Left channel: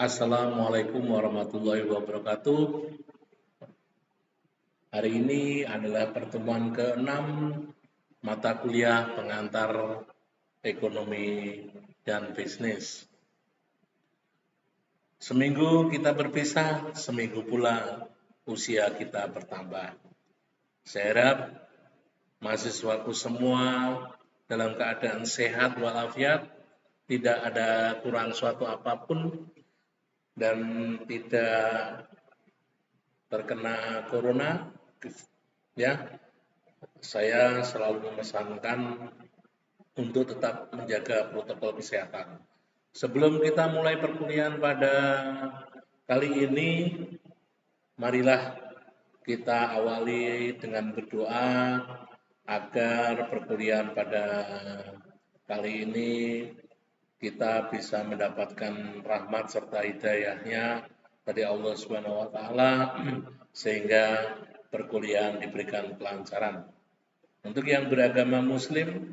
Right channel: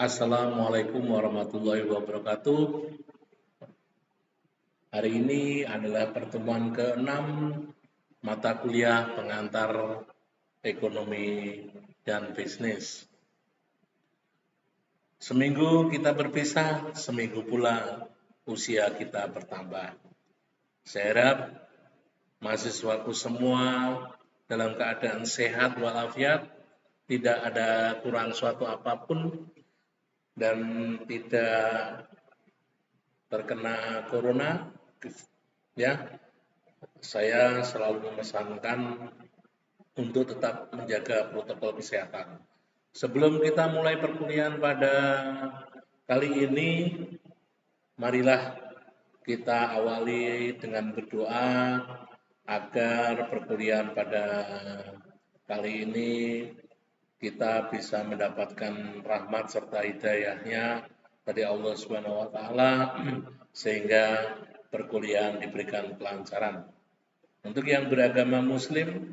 Assalamualaikum warahmatullahi wabarakatuh. Hari ini adalah pertemuan ke-6 mata kuliah pengantar ekonomi dan bisnis. Seminggu kita berpisah, seminggu pula usia kita bertambah. Saya harap mahasiswaku semua dalam keadaan sehat walafiat, tidak ada kurang suatu apapun, dan tidak terkena corona, ya. Saya selalu memesankan untuk tetap menjaga protokol kesehatan. Sebelum kita mulai perkuliahan pada kali ini, marilah kita awali dengan berdoa agar perkuliahan pada kali ini kita bisa mendapatkan rahmat serta hidayahnya dari Allah Subhanahu wa taala sehingga perkuliahan diberikan kelancaran. Untuk yang beragama muslim,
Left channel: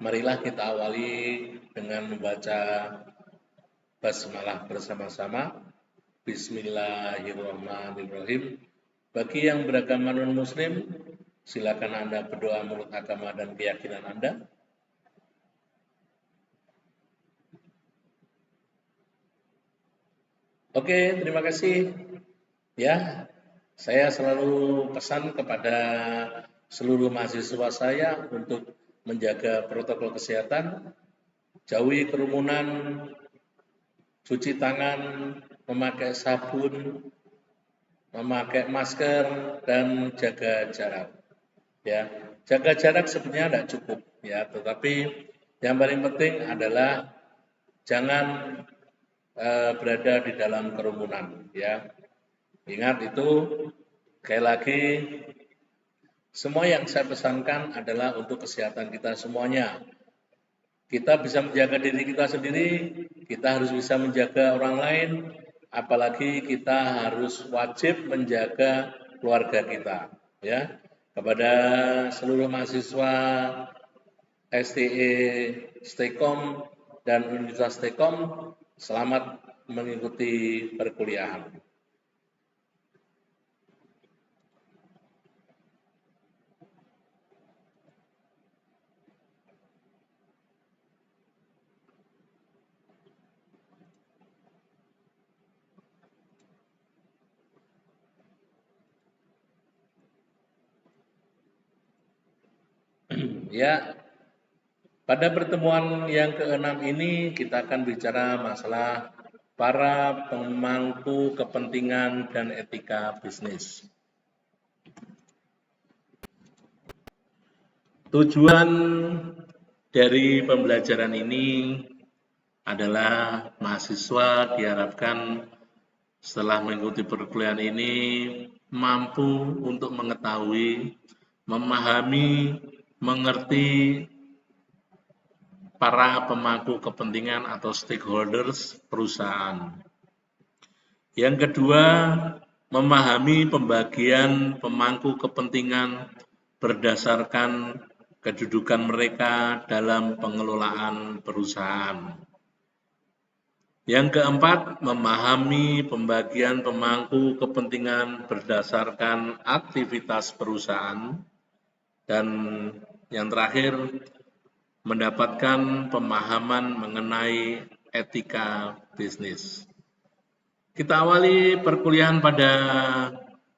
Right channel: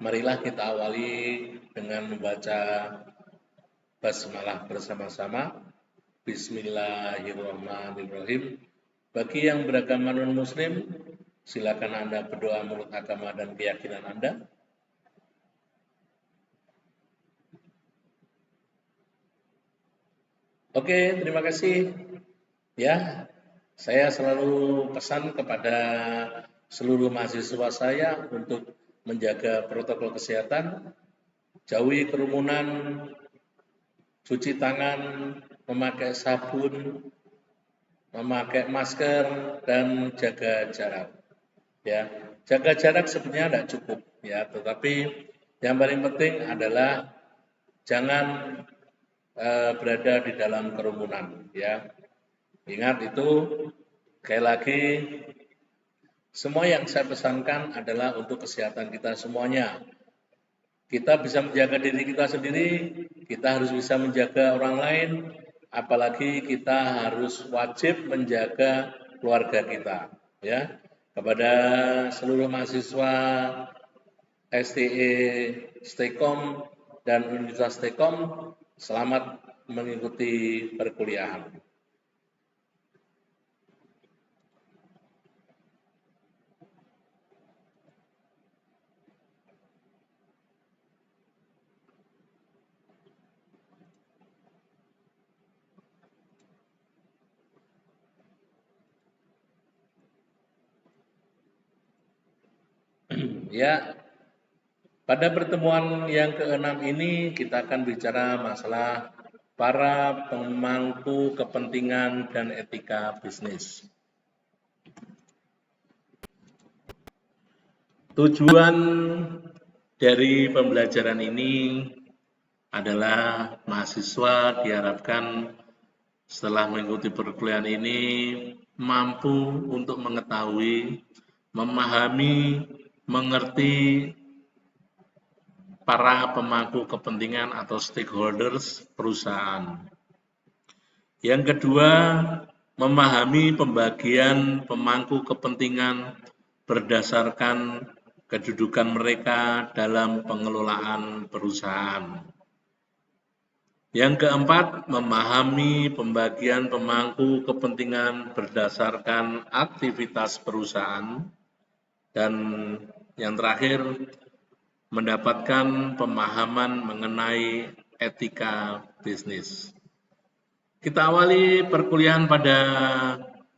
marilah kita awali dengan membaca basmalah bersama-sama. Bismillahirrahmanirrahim. Bagi yang beragama non-muslim, silakan Anda berdoa menurut agama dan keyakinan Anda. Oke, terima kasih. Ya, saya selalu pesan kepada seluruh mahasiswa saya untuk menjaga protokol kesehatan, jauhi kerumunan, cuci tangan, memakai sabun, memakai masker, dan jaga jarak. Ya, jaga jarak sebenarnya tidak cukup, ya, tetapi yang paling penting adalah jangan berada di dalam kerumunan, ya. Ingat itu, sekali lagi, semua yang saya pesankan adalah untuk kesehatan kita semuanya. Kita bisa menjaga diri kita sendiri, kita harus bisa menjaga orang lain, apalagi kita harus wajib menjaga keluarga kita, ya. Kepada seluruh mahasiswa STE Stekom dan Universitas Stekom, selamat mengikuti perkuliahan. Ya, pada pertemuan yang ke-6 ini kita akan bicara masalah para pemangku kepentingan dan etika bisnis. Tujuan dari pembelajaran ini adalah mahasiswa diharapkan setelah mengikuti perkuliahan ini mampu untuk mengetahui, memahami, mengerti para pemangku kepentingan atau stakeholders perusahaan. Yang kedua, memahami pembagian pemangku kepentingan berdasarkan kedudukan mereka dalam pengelolaan perusahaan. Yang keempat, memahami pembagian pemangku kepentingan berdasarkan aktivitas perusahaan. Dan yang terakhir, mendapatkan pemahaman mengenai etika bisnis. Kita awali perkuliahan pada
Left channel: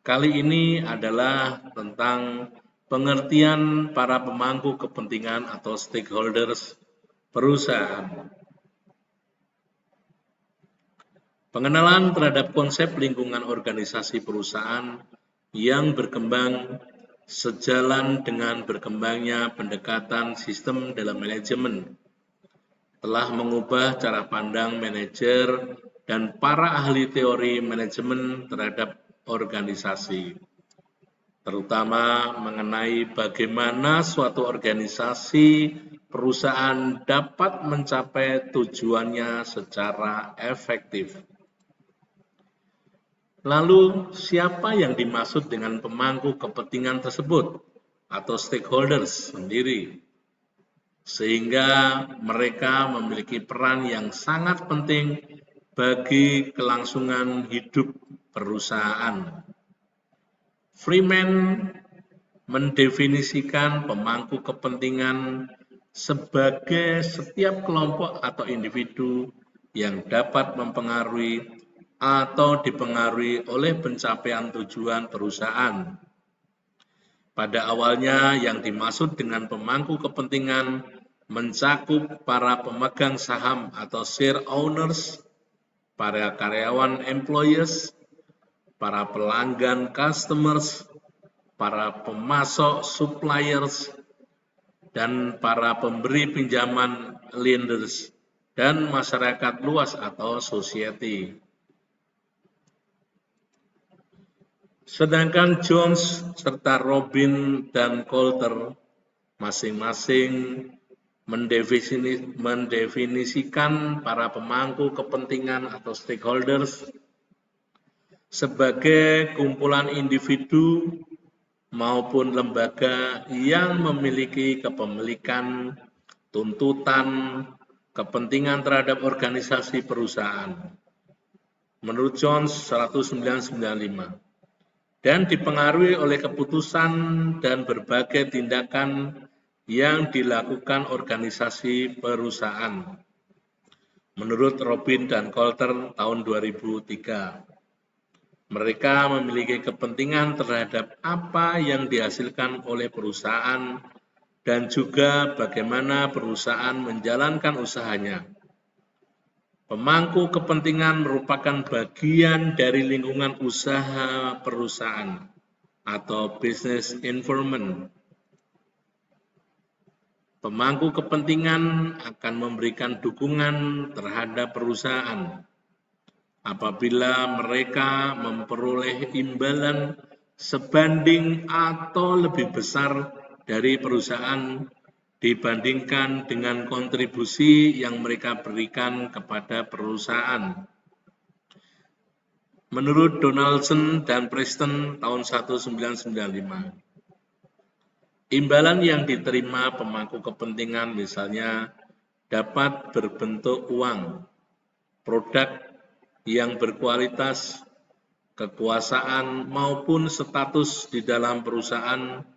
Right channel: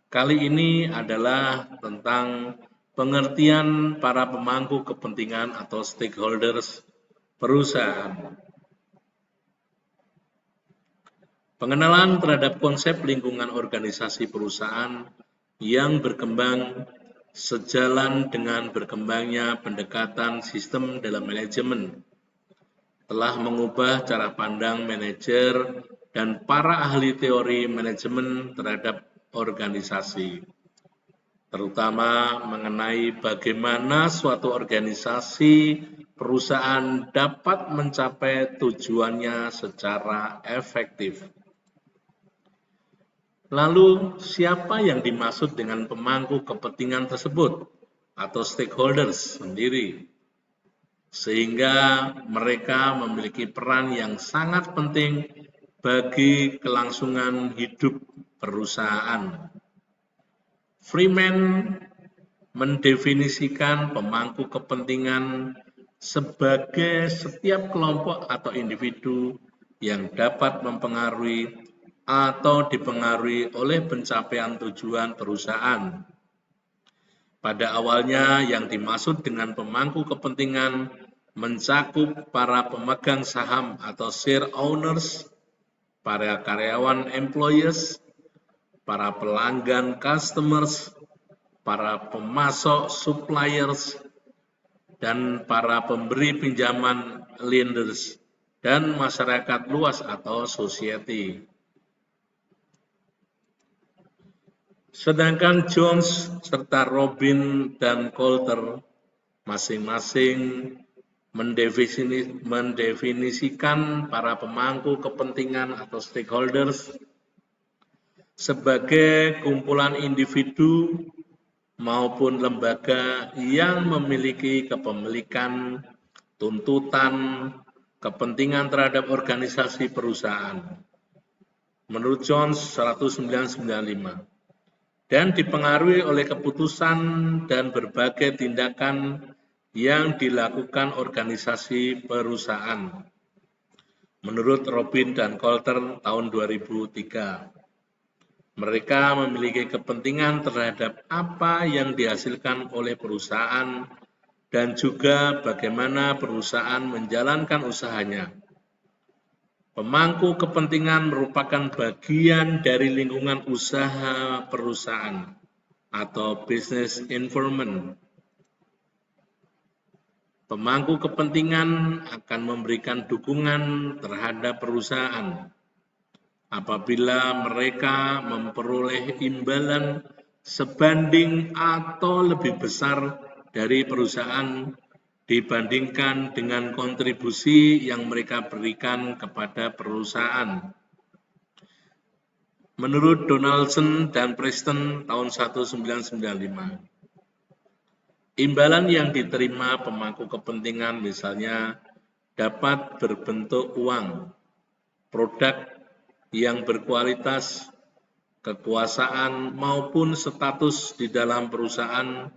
kali ini adalah tentang pengertian para pemangku kepentingan atau stakeholders perusahaan. Pengenalan terhadap konsep lingkungan organisasi perusahaan yang berkembang sejalan dengan berkembangnya pendekatan sistem dalam manajemen telah mengubah cara pandang manajer dan para ahli teori manajemen terhadap organisasi, terutama mengenai bagaimana suatu organisasi perusahaan dapat mencapai tujuannya secara efektif. Lalu, siapa yang dimaksud dengan pemangku kepentingan tersebut atau stakeholders sendiri? Sehingga mereka memiliki peran yang sangat penting bagi kelangsungan hidup perusahaan. Freeman mendefinisikan pemangku kepentingan sebagai setiap kelompok atau individu yang dapat mempengaruhi atau dipengaruhi oleh pencapaian tujuan perusahaan. Pada awalnya yang dimaksud dengan pemangku kepentingan mencakup para pemegang saham atau share owners, para karyawan employees, para pelanggan customers, para pemasok suppliers, dan para pemberi pinjaman lenders, dan masyarakat luas atau society. Sedangkan Jones serta Robin dan Coulter masing-masing mendefinisikan para pemangku kepentingan atau stakeholders sebagai kumpulan individu maupun lembaga yang memiliki kepemilikan, tuntutan, kepentingan terhadap organisasi perusahaan. Menurut Jones 1995, dan dipengaruhi oleh keputusan dan berbagai tindakan yang dilakukan organisasi perusahaan. Menurut Robin dan Coulter tahun 2003, mereka memiliki kepentingan terhadap apa yang dihasilkan oleh perusahaan dan juga bagaimana perusahaan menjalankan usahanya. Pemangku kepentingan merupakan bagian dari lingkungan usaha perusahaan atau business environment. Pemangku kepentingan akan memberikan dukungan terhadap perusahaan apabila mereka memperoleh imbalan sebanding atau lebih besar dari perusahaan dibandingkan dengan kontribusi yang mereka berikan kepada perusahaan. Menurut Donaldson dan Preston tahun 1995, imbalan yang diterima pemangku kepentingan misalnya dapat berbentuk uang, produk yang berkualitas, kekuasaan maupun status di dalam perusahaan,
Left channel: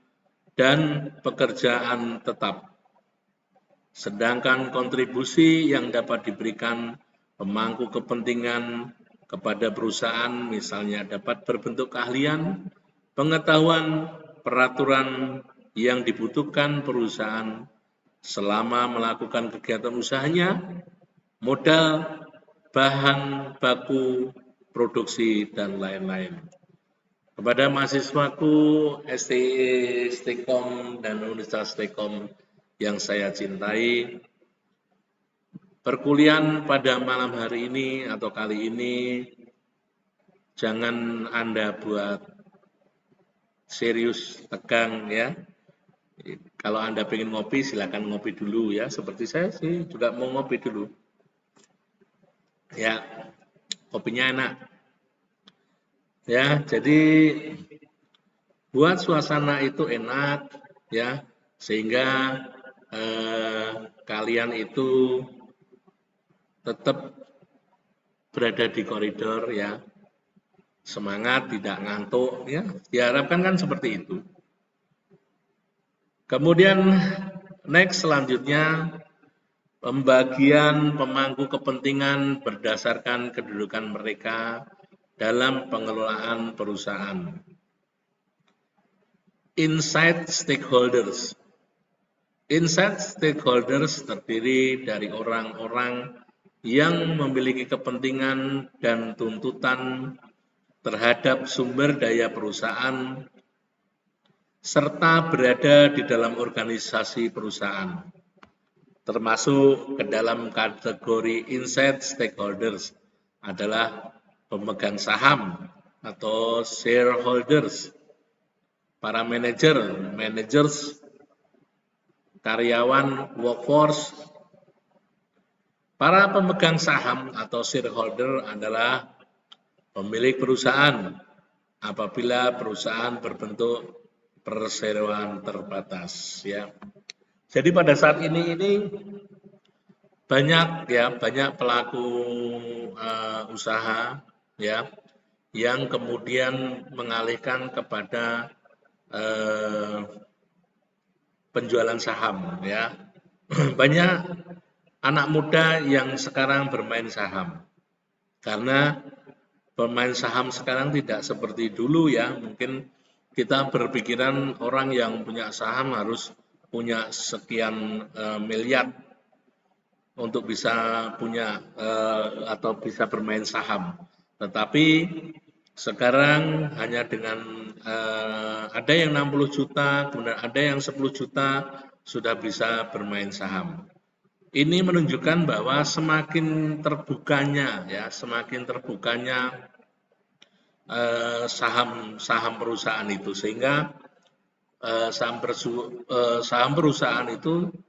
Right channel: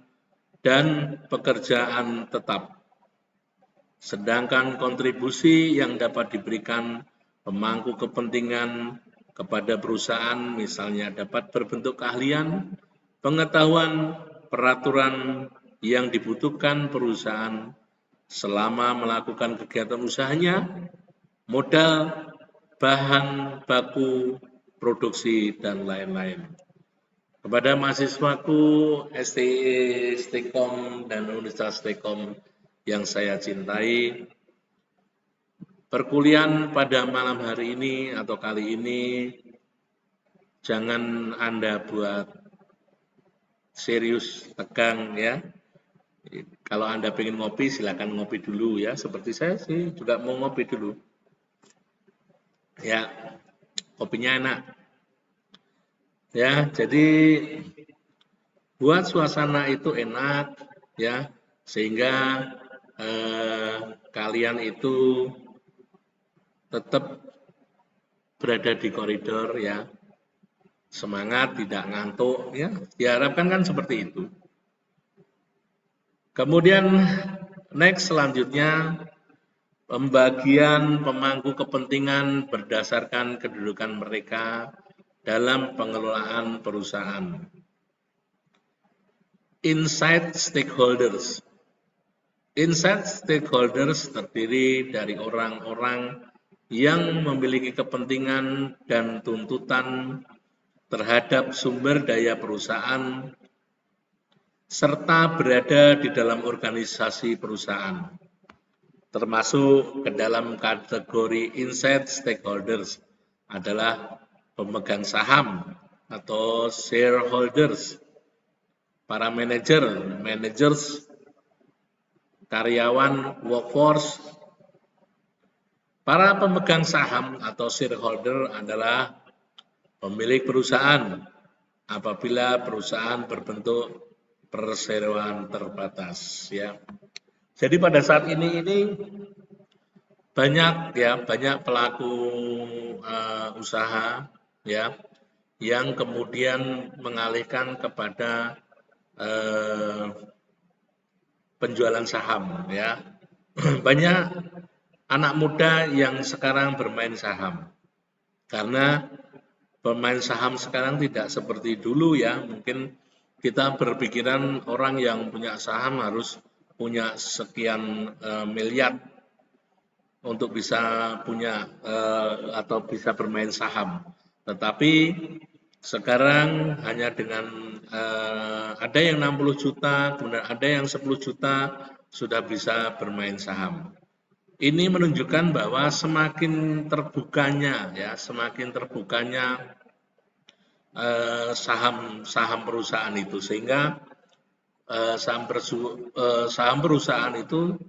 dan pekerjaan tetap. Sedangkan kontribusi yang dapat diberikan pemangku kepentingan kepada perusahaan misalnya dapat berbentuk keahlian, pengetahuan, peraturan yang dibutuhkan perusahaan selama melakukan kegiatan usahanya, modal, bahan baku, produksi, dan lain-lain. Kepada mahasiswaku STI, Stekom, dan Universitas Stekom yang saya cintai, perkuliahan pada malam hari ini atau kali ini jangan Anda buat serius, tegang ya. Kalau Anda pengen ngopi, silakan ngopi dulu ya. Seperti saya sih juga mau ngopi dulu. Ya, kopinya enak. Ya, jadi buat suasana itu enak ya, sehingga kalian itu tetap berada di koridor ya, semangat, tidak ngantuk ya, diharapkan kan seperti itu. Kemudian next selanjutnya pembagian pemangku kepentingan berdasarkan kedudukan mereka dalam pengelolaan perusahaan. Inside stakeholders. Inside stakeholders terdiri dari orang-orang yang memiliki kepentingan dan tuntutan terhadap sumber daya perusahaan serta berada di dalam organisasi perusahaan, termasuk ke dalam kategori inside stakeholders adalah pemegang saham atau shareholders, para managers, karyawan, workforce. Para pemegang saham atau shareholder adalah pemilik perusahaan apabila perusahaan berbentuk perseroan terbatas ya. Jadi pada saat ini banyak pelaku usaha ya yang kemudian mengalihkan kepada penjualan saham ya. Banyak anak muda yang sekarang bermain saham karena bermain saham sekarang tidak seperti dulu ya. Mungkin kita berpikiran orang yang punya saham harus punya sekian miliar untuk bisa punya atau bisa bermain saham. Tetapi sekarang hanya dengan ada yang 60 juta, kemudian ada yang 10 juta sudah bisa bermain saham. Ini menunjukkan bahwa semakin terbukanya saham perusahaan itu, sehingga saham perusahaan itu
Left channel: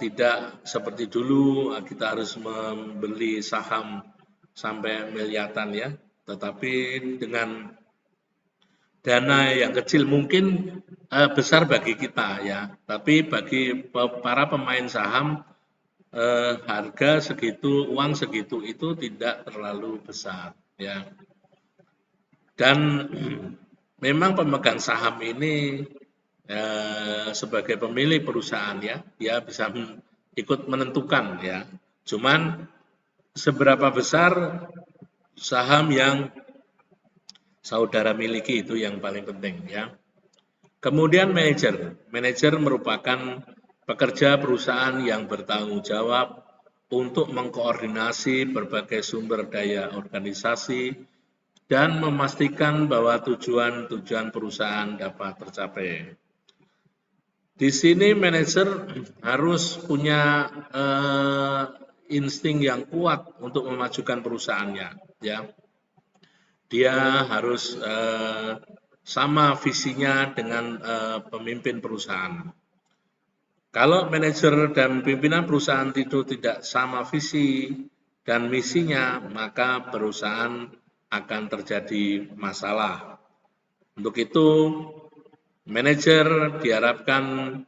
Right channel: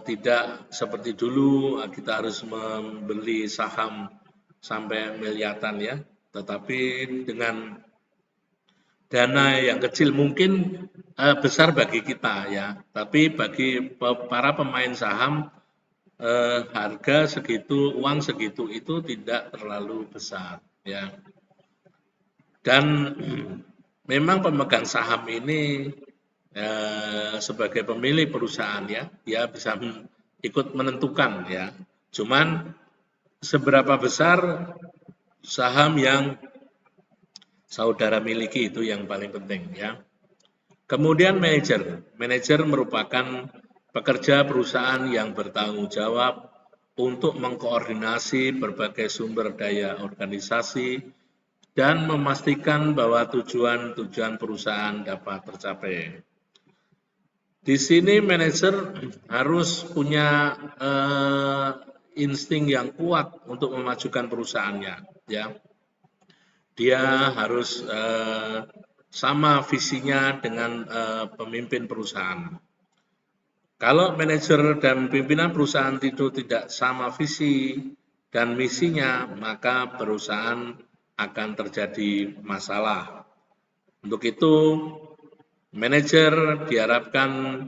tidak seperti dulu kita harus membeli saham sampai miliaran ya, tetapi dengan dana yang kecil mungkin besar bagi kita ya, tapi bagi para pemain saham harga segitu, uang segitu itu tidak terlalu besar ya. Dan memang pemegang saham ini sebagai pemilik perusahaan ya, dia bisa ikut menentukan ya. Cuman seberapa besar saham yang saudara miliki itu yang paling penting ya. Kemudian manajer merupakan pekerja perusahaan yang bertanggung jawab untuk mengkoordinasi berbagai sumber daya organisasi dan memastikan bahwa tujuan perusahaan dapat tercapai. Di sini manajer harus punya insting yang kuat untuk memajukan perusahaannya ya. Dia harus sama visinya dengan pemimpin perusahaan. Kalau manajer dan pimpinan perusahaan itu tidak sama visi dan misinya, maka perusahaan akan terjadi masalah. Untuk itu, manajer diharapkan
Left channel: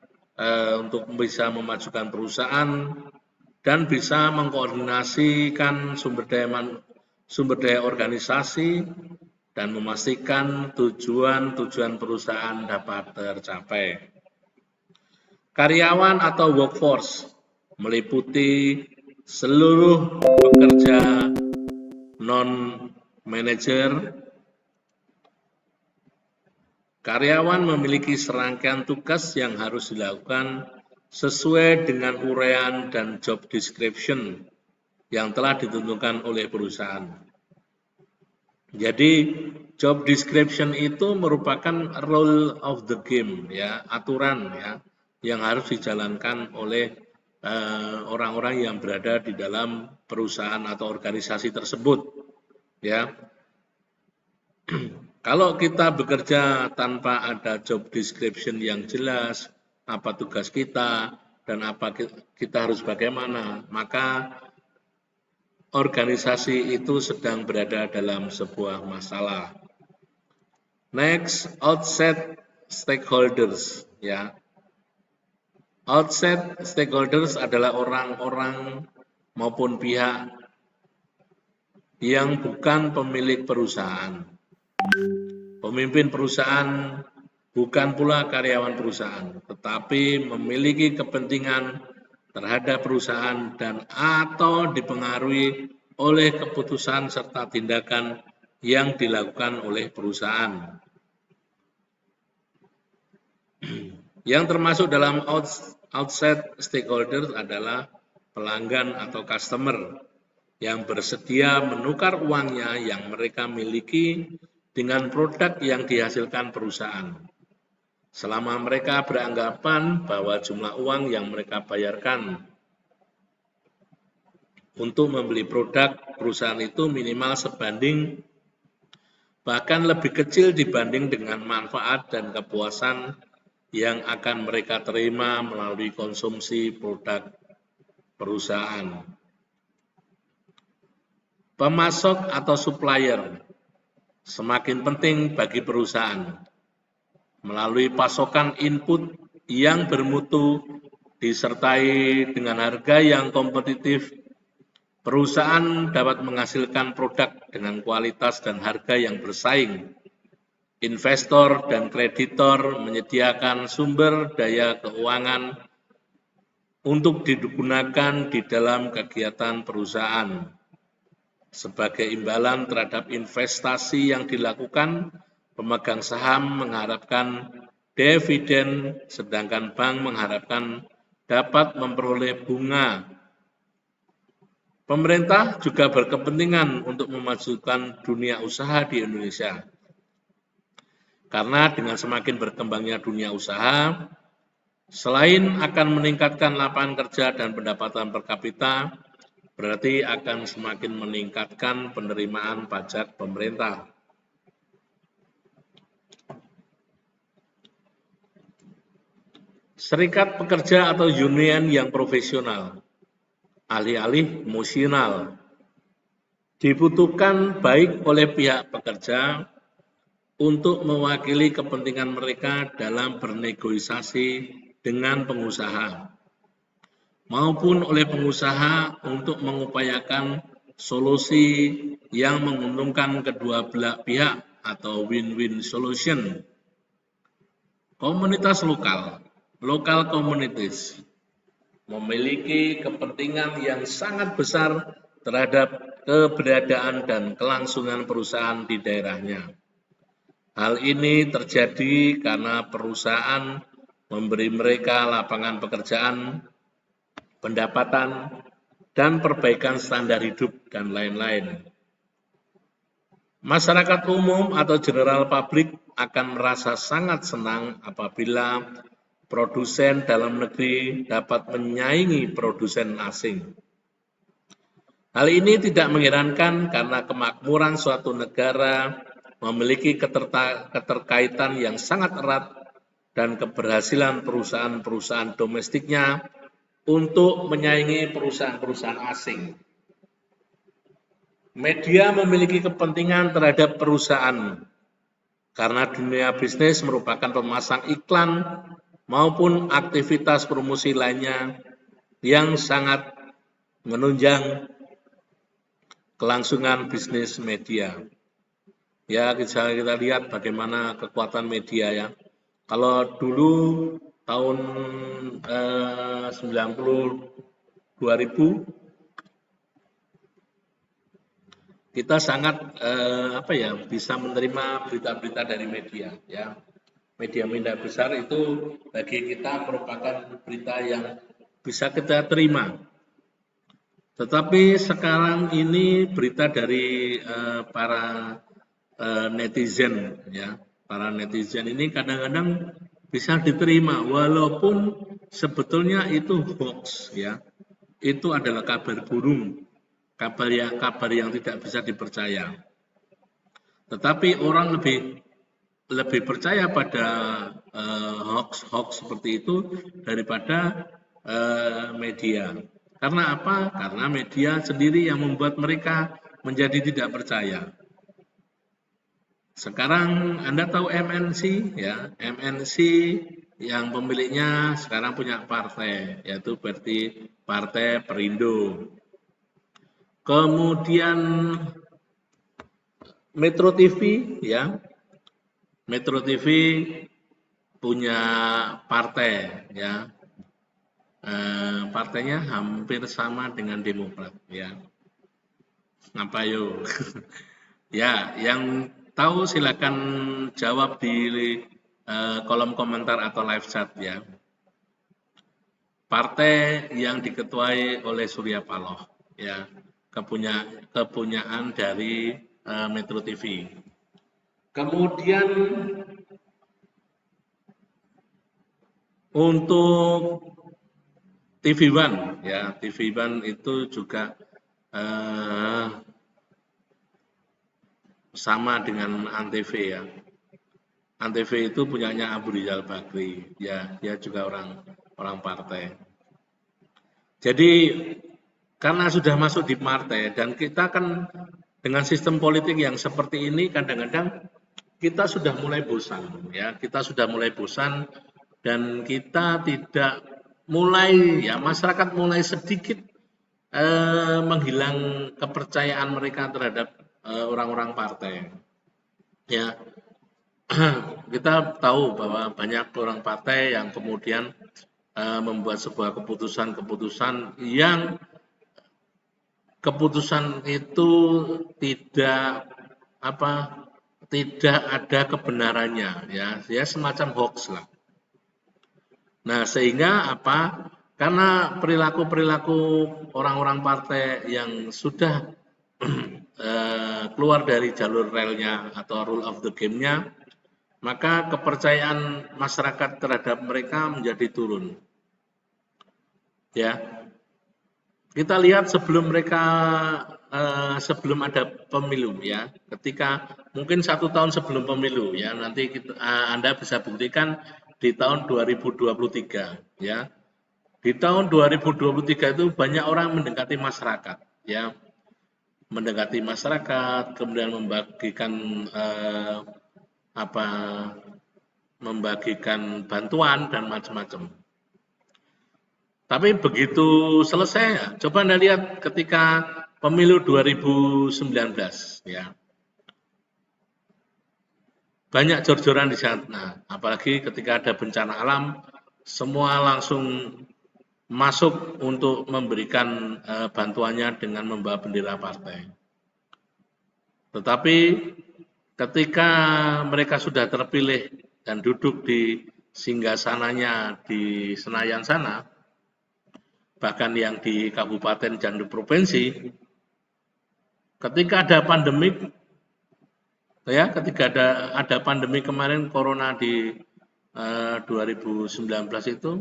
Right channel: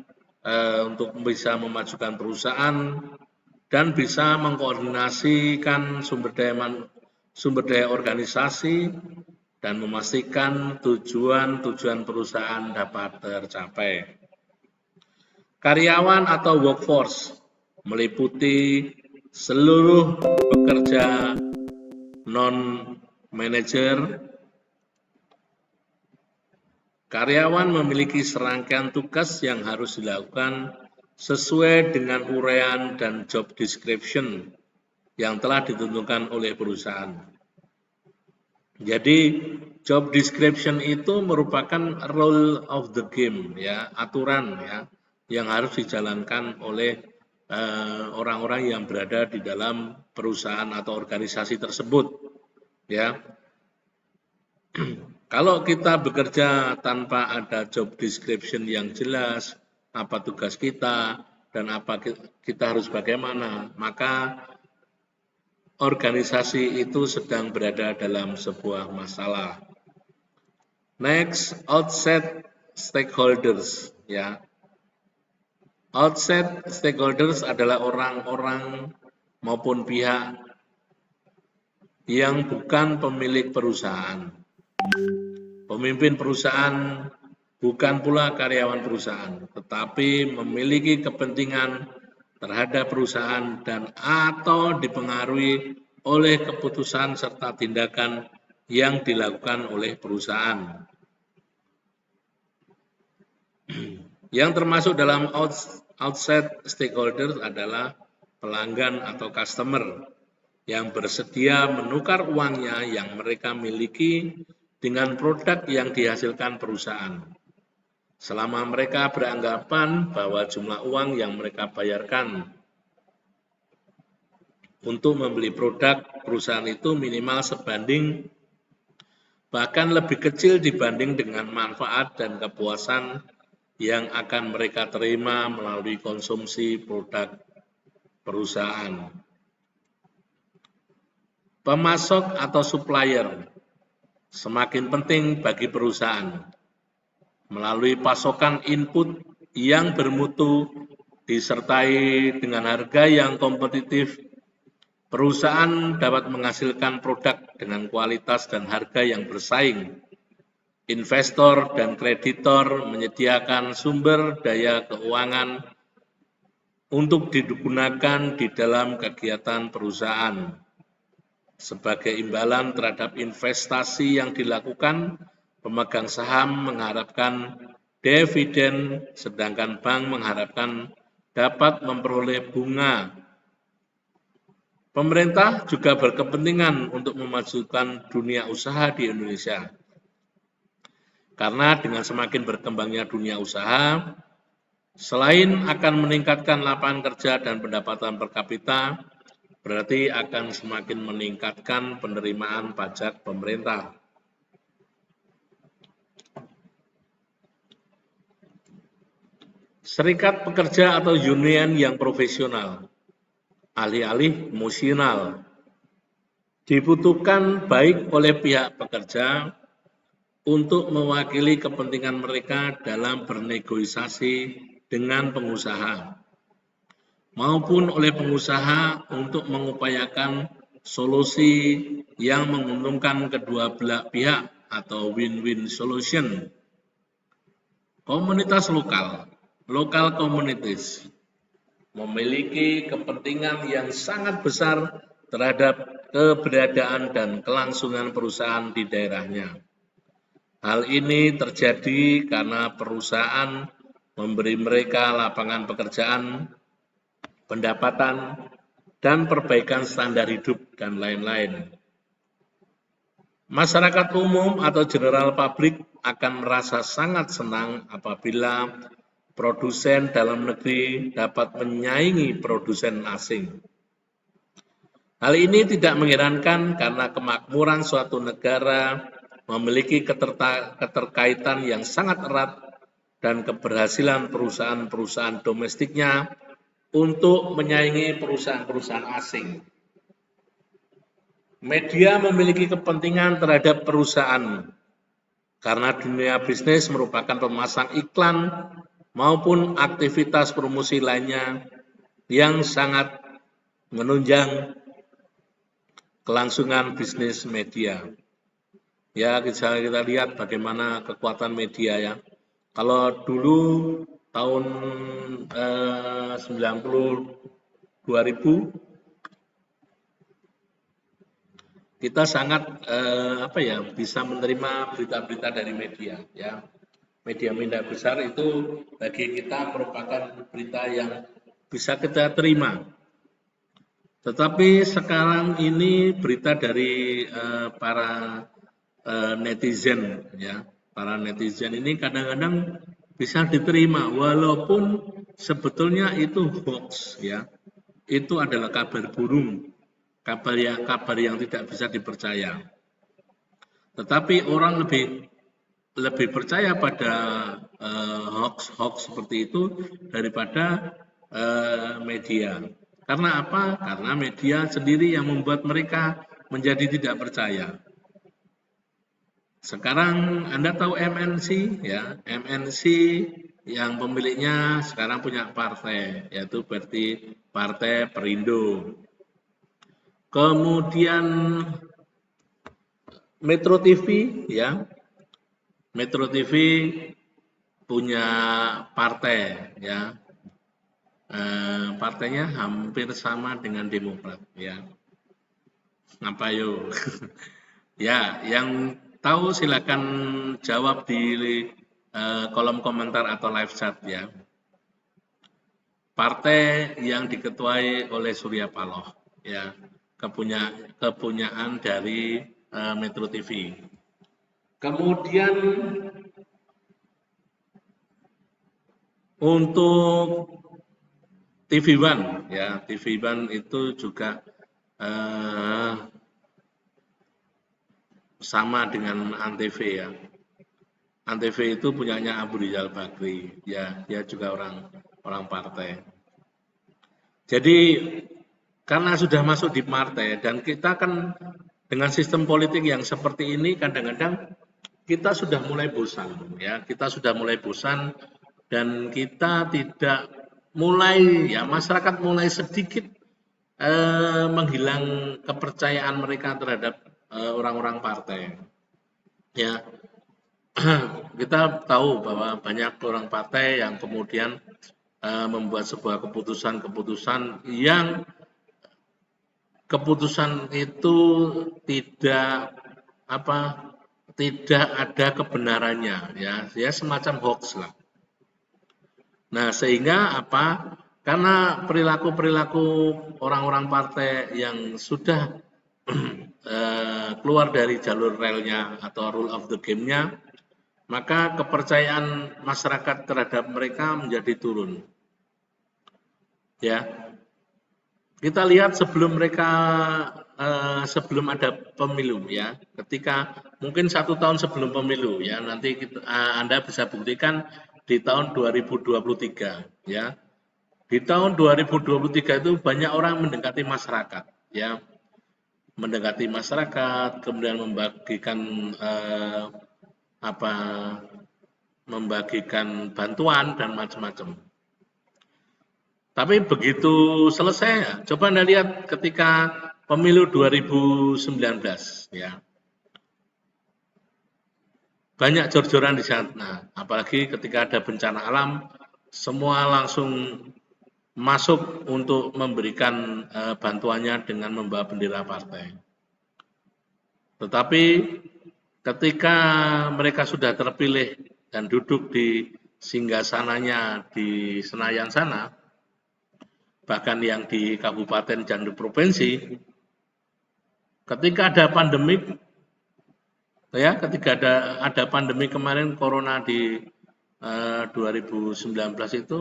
untuk bisa memajukan perusahaan dan bisa mengkoordinasikan sumber daya organisasi dan memastikan tujuan perusahaan dapat tercapai. Karyawan atau workforce meliputi seluruh pekerja non-manajer. Karyawan memiliki serangkaian tugas yang harus dilakukan sesuai dengan uraian dan job description yang telah ditentukan oleh perusahaan. Jadi job description itu merupakan rule of the game ya, aturan ya yang harus dijalankan oleh orang-orang yang berada di dalam perusahaan atau organisasi tersebut ya. Kalau kita bekerja tanpa ada job description yang jelas, apa tugas kita dan apa kita harus bagaimana, maka organisasi itu sedang berada dalam sebuah masalah. Next, outside stakeholders ya. Outside stakeholders adalah orang-orang maupun pihak yang bukan pemilik perusahaan. Pemimpin perusahaan bukan pula karyawan perusahaan, tetapi memiliki kepentingan terhadap perusahaan dan atau dipengaruhi oleh keputusan serta tindakan yang dilakukan oleh perusahaan. Yang termasuk dalam outside stakeholder adalah pelanggan atau customer yang bersedia menukar uangnya yang mereka miliki dengan produk yang dihasilkan perusahaan. Selama mereka beranggapan bahwa jumlah uang yang mereka bayarkan untuk membeli produk perusahaan itu minimal sebanding bahkan lebih kecil dibanding dengan manfaat dan kepuasan yang akan mereka terima melalui konsumsi produk perusahaan. Pemasok atau supplier semakin penting bagi perusahaan. Melalui pasokan input yang bermutu disertai dengan harga yang kompetitif, Perusahaan dapat menghasilkan produk dengan kualitas dan harga yang bersaing. Investor dan kreditor menyediakan sumber daya keuangan untuk digunakan di dalam kegiatan perusahaan. Sebagai imbalan terhadap investasi yang dilakukan, pemegang saham mengharapkan dividen, sedangkan bank mengharapkan dapat memperoleh bunga. Pemerintah juga berkepentingan untuk memajukan dunia usaha di Indonesia. Karena dengan semakin berkembangnya dunia usaha, selain akan meningkatkan lapangan kerja dan pendapatan per kapita, berarti akan semakin meningkatkan penerimaan pajak pemerintah. Serikat pekerja atau union yang profesional, alih-alih emosional, dibutuhkan baik oleh pihak pekerja untuk mewakili kepentingan mereka dalam bernegosiasi dengan pengusaha, maupun oleh pengusaha untuk mengupayakan solusi yang menguntungkan kedua belah pihak atau win-win solution. Komunitas lokal, local communities, memiliki kepentingan yang sangat besar terhadap keberadaan dan kelangsungan perusahaan di daerahnya. Hal ini terjadi karena perusahaan memberi mereka lapangan pekerjaan, pendapatan, dan perbaikan standar hidup, dan lain-lain. Masyarakat umum atau general public akan merasa sangat senang apabila produsen dalam negeri dapat menyaingi produsen asing. Hal ini tidak mengherankan karena kemakmuran suatu negara memiliki keterkaitan yang sangat erat dan keberhasilan perusahaan-perusahaan domestiknya untuk menyaingi perusahaan-perusahaan asing. Media memiliki kepentingan terhadap perusahaan karena dunia bisnis merupakan pemasang iklan maupun aktivitas promosi lainnya yang sangat menunjang kelangsungan bisnis media. Ya, bisa kita lihat bagaimana kekuatan media ya. Kalau dulu tahun 2000 kita sangat bisa menerima berita-berita dari media ya. Media-media besar itu bagi kita merupakan berita yang bisa kita terima. Tetapi sekarang ini berita dari para netizen ya, para netizen ini kadang-kadang bisa diterima walaupun sebetulnya itu hoax ya. Itu adalah kabar burung, kabar yang tidak bisa dipercaya. Tetapi orang lebih percaya pada hoax seperti itu daripada media. Karena apa? Karena media sendiri yang membuat mereka menjadi tidak percaya. Sekarang Anda tahu MNC ya, MNC yang pemiliknya sekarang punya partai, yaitu berarti Partai Perindo. Kemudian Metro TV ya, Metro TV punya partai ya, partainya hampir sama dengan Demokrat ya. Ngapa yuk? Ya, yang tahu silakan jawab di kolom komentar atau live chat ya. Partai yang diketuai oleh Surya Paloh ya, kepunyaan dari Metro TV. Kemudian untuk TV One ya, TV One itu juga sama dengan Antv ya. Antv itu punyanya Abu Rizal Bakri ya, dia juga orang partai. Jadi karena sudah masuk di partai dan kita kan dengan sistem politik yang seperti ini kadang-kadang kita sudah mulai bosan ya, kita sudah mulai bosan dan kita tidak mulai ya, masyarakat mulai sedikit menghilang kepercayaan mereka terhadap orang-orang partai. Ya, kita tahu bahwa banyak orang partai yang kemudian membuat sebuah keputusan-keputusan yang keputusan itu tidak tidak ada kebenarannya, ya, dia semacam hoax lah. Nah, sehingga karena perilaku-perilaku orang-orang partai yang sudah keluar dari jalur relnya atau rule of the game-nya, maka kepercayaan masyarakat terhadap mereka menjadi turun. Ya, kita lihat sebelum mereka sebelum ada pemilu, ya, ketika mungkin 1 tahun sebelum pemilu, ya, nanti Anda bisa buktikan di tahun 2023, ya. Di tahun 2023 itu banyak orang mendekati masyarakat, ya, mendekati masyarakat, kemudian membagikan membagikan bantuan dan macam-macam. Tapi begitu selesai, coba Anda lihat ketika pemilu 2019, ya, banyak jor-joran di sana. Apalagi ketika ada bencana alam, semua langsung masuk untuk memberikan bantuannya dengan membawa bendera partai. Tetapi ketika mereka sudah terpilih dan duduk di singgasananya di Senayan sana, bahkan yang di kabupaten dan di provinsi, ketika ada pandemi, ya, ketika ada pandemi kemarin corona di 2019 itu,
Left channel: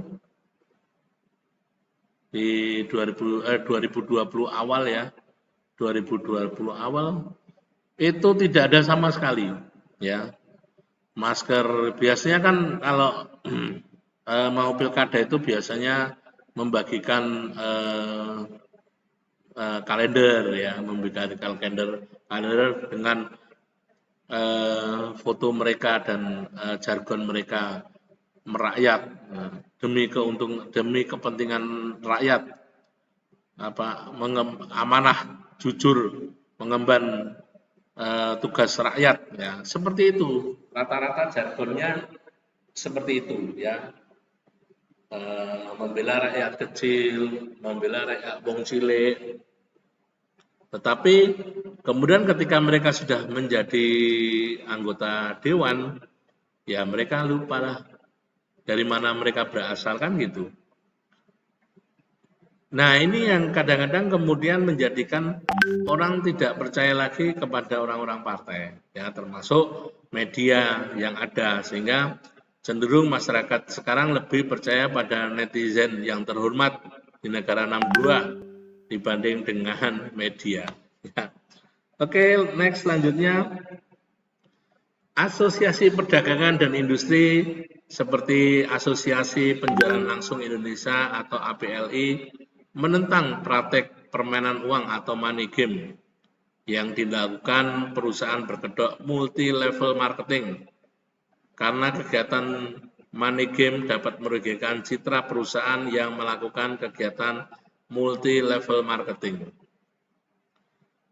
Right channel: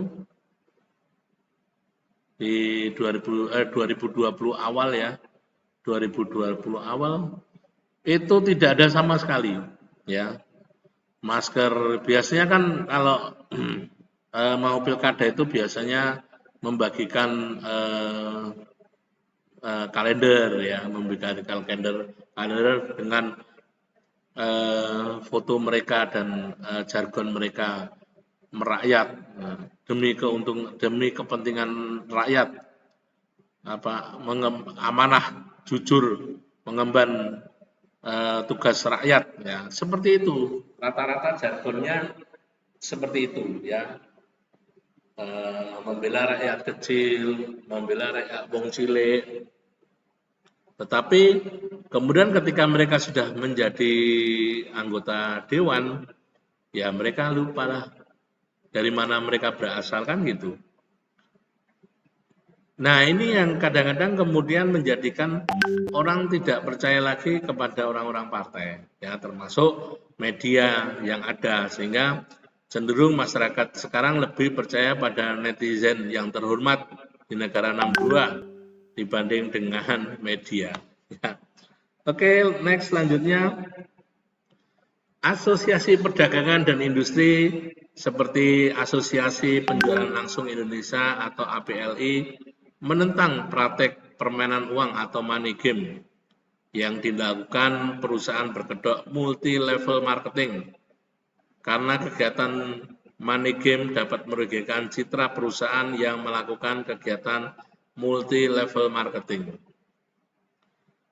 di 2020 awal, ya, 2020 awal itu tidak ada sama sekali, ya, masker. Biasanya kan kalau mau pilkada itu biasanya membagikan kalender, ya, membagikan kalender dengan foto mereka dan jargon mereka merakyat, demi kepentingan rakyat, amanah, jujur, mengemban tugas rakyat, ya, seperti itu. Rata-rata jargonnya seperti itu, ya. Membela rakyat kecil, membela rakyat wong cilik. Tetapi kemudian ketika mereka sudah menjadi anggota dewan, ya, mereka lupa dari mana mereka berasal, kan gitu. Nah, ini yang kadang-kadang kemudian menjadikan orang tidak percaya lagi kepada orang-orang partai, ya, termasuk media yang ada, sehingga cenderung masyarakat sekarang lebih percaya pada netizen yang terhormat di negara 62 dibanding dengan media. Ya. Oke, next selanjutnya, asosiasi perdagangan dan industri seperti Asosiasi Penjualan Langsung Indonesia atau APLI menentang praktek permainan uang atau money game yang dilakukan perusahaan berkedok multi level marketing, karena kegiatan money game dapat merugikan citra perusahaan yang melakukan kegiatan multi level marketing.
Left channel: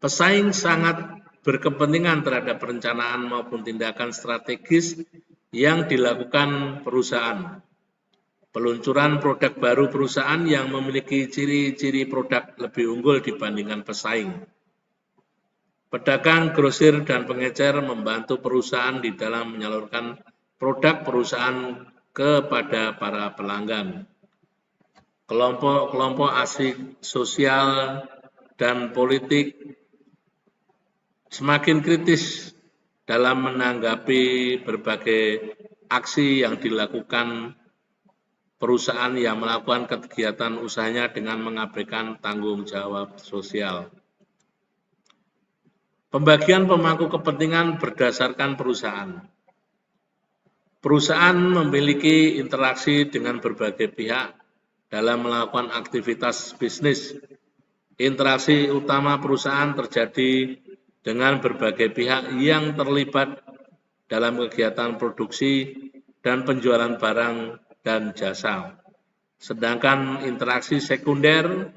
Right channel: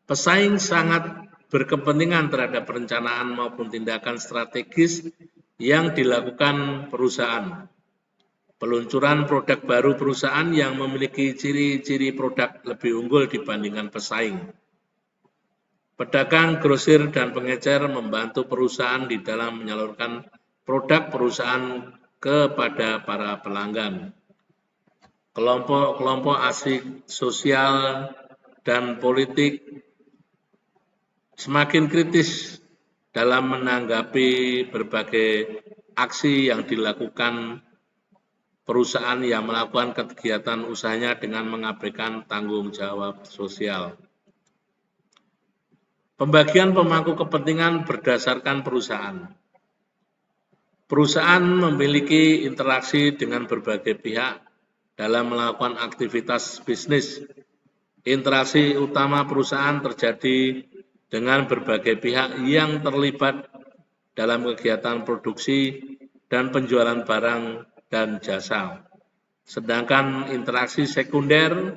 Pesaing sangat berkepentingan terhadap perencanaan maupun tindakan strategis yang dilakukan perusahaan. Peluncuran produk baru perusahaan yang memiliki ciri-ciri produk lebih unggul dibandingkan pesaing. Pedagang, grosir, dan pengecer membantu perusahaan di dalam menyalurkan produk perusahaan kepada para pelanggan. Kelompok-kelompok asik sosial dan politik semakin kritis dalam menanggapi berbagai aksi yang dilakukan perusahaan yang melakukan kegiatan usahanya dengan mengabaikan tanggung jawab sosial. Pembagian pemangku kepentingan berdasarkan perusahaan. Perusahaan memiliki interaksi dengan berbagai pihak dalam melakukan aktivitas bisnis. Interaksi utama perusahaan terjadi dengan berbagai pihak yang terlibat dalam kegiatan produksi dan penjualan barang dan jasa. Sedangkan interaksi sekunder,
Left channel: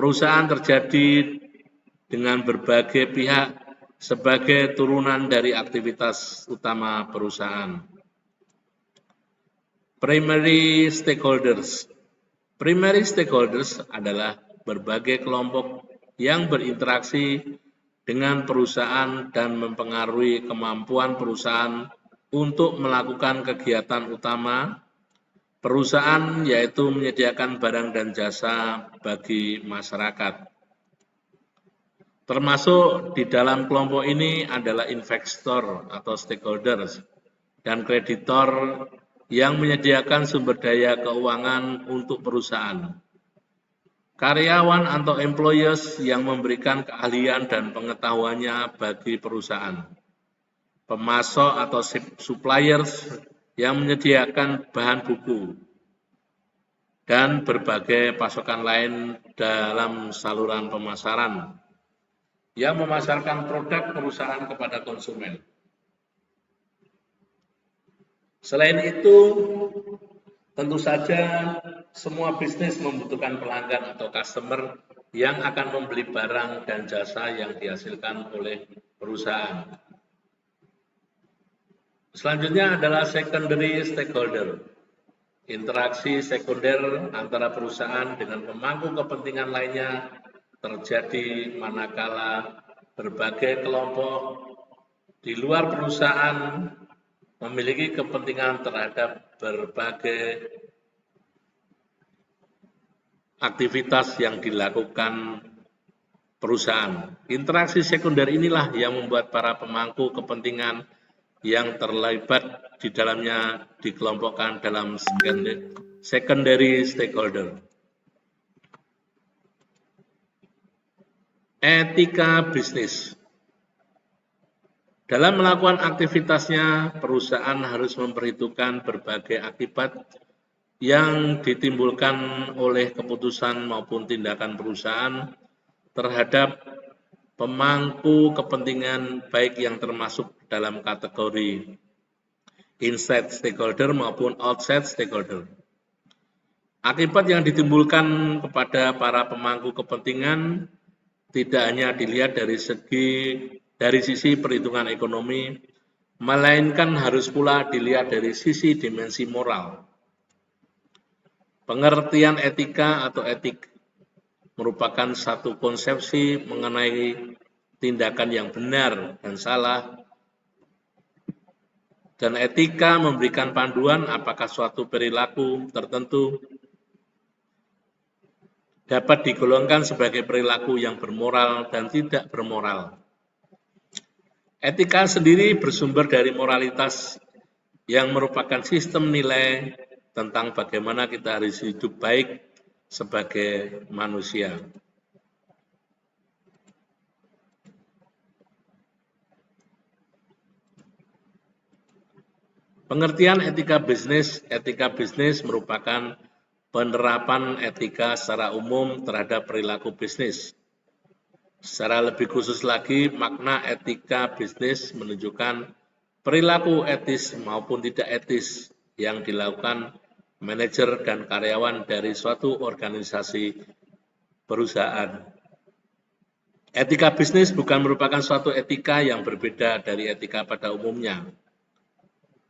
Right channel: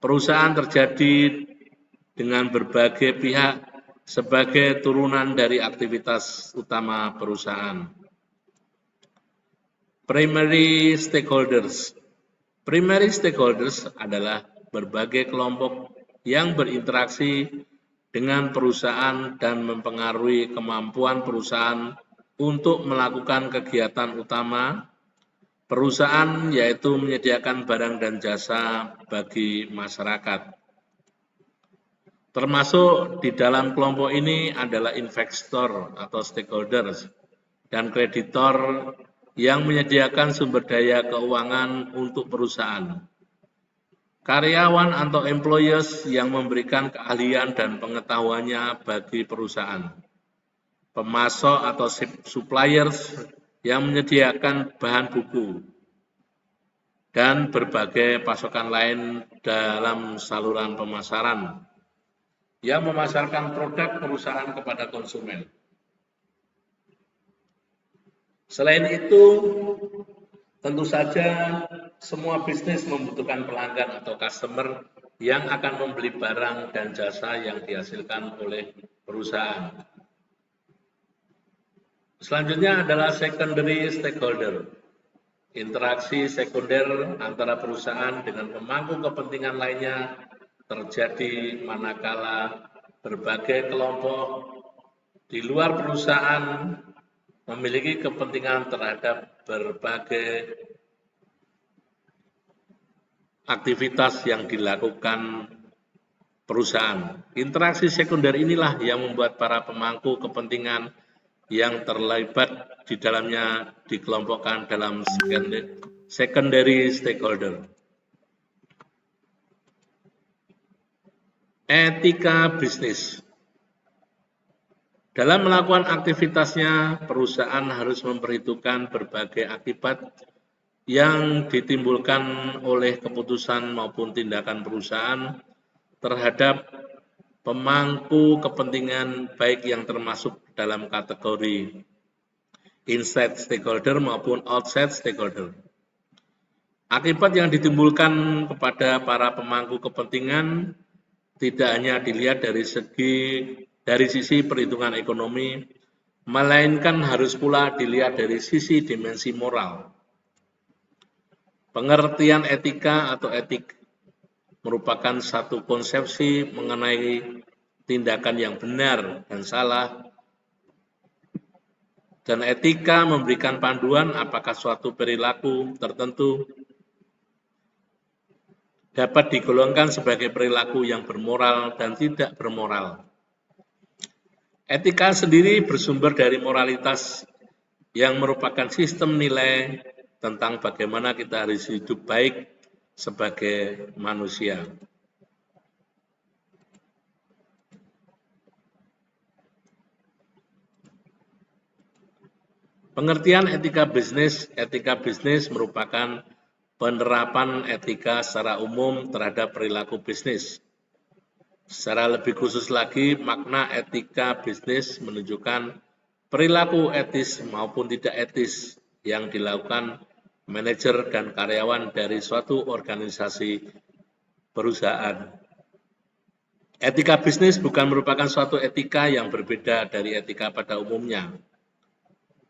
perusahaan terjadi dengan berbagai pihak sebagai turunan dari aktivitas utama perusahaan. Primary stakeholders. Primary stakeholders adalah berbagai kelompok yang berinteraksi dengan perusahaan dan mempengaruhi kemampuan perusahaan untuk melakukan kegiatan utama perusahaan, yaitu menyediakan barang dan jasa bagi masyarakat. Termasuk di dalam kelompok ini adalah investor atau stakeholders dan kreditor yang menyediakan sumber daya keuangan untuk perusahaan. Karyawan atau employees yang memberikan keahlian dan pengetahuannya bagi perusahaan. Pemasok atau suppliers yang menyediakan bahan buku dan berbagai pasokan lain dalam saluran pemasaran yang memasarkan produk perusahaan kepada konsumen. Selain itu, tentu saja semua bisnis membutuhkan pelanggan atau customer yang akan membeli barang dan jasa yang dihasilkan oleh perusahaan. Selanjutnya adalah secondary stakeholder. Interaksi sekunder antara perusahaan dengan pemangku kepentingan lainnya terjadi manakala berbagai kelompok di luar perusahaan memiliki kepentingan terhadap berbagai aktivitas yang dilakukan perusahaan. Interaksi sekunder inilah yang membuat para pemangku kepentingan yang terlibat di dalamnya dikelompokkan dalam secondary stakeholder. Etika bisnis. Dalam melakukan aktivitasnya, perusahaan harus memperhitungkan berbagai akibat yang ditimbulkan oleh keputusan maupun tindakan perusahaan terhadap pemangku kepentingan, baik yang termasuk dalam kategori inside stakeholder maupun outside stakeholder. Akibat yang ditimbulkan kepada para pemangku kepentingan tidak hanya dilihat dari sisi perhitungan ekonomi, melainkan harus pula dilihat dari sisi dimensi moral. Pengertian etika atau etik merupakan satu konsepsi mengenai tindakan yang benar dan salah, dan etika memberikan panduan apakah suatu perilaku tertentu dapat digolongkan sebagai perilaku yang bermoral dan tidak bermoral. Etika sendiri bersumber dari moralitas yang merupakan sistem nilai tentang bagaimana kita harus hidup baik sebagai manusia. Pengertian etika bisnis merupakan penerapan etika secara umum terhadap perilaku bisnis. Secara lebih khusus lagi, makna etika bisnis menunjukkan perilaku etis maupun tidak etis yang dilakukan manajer dan karyawan dari suatu organisasi perusahaan. Etika bisnis bukan merupakan suatu etika yang berbeda dari etika pada umumnya.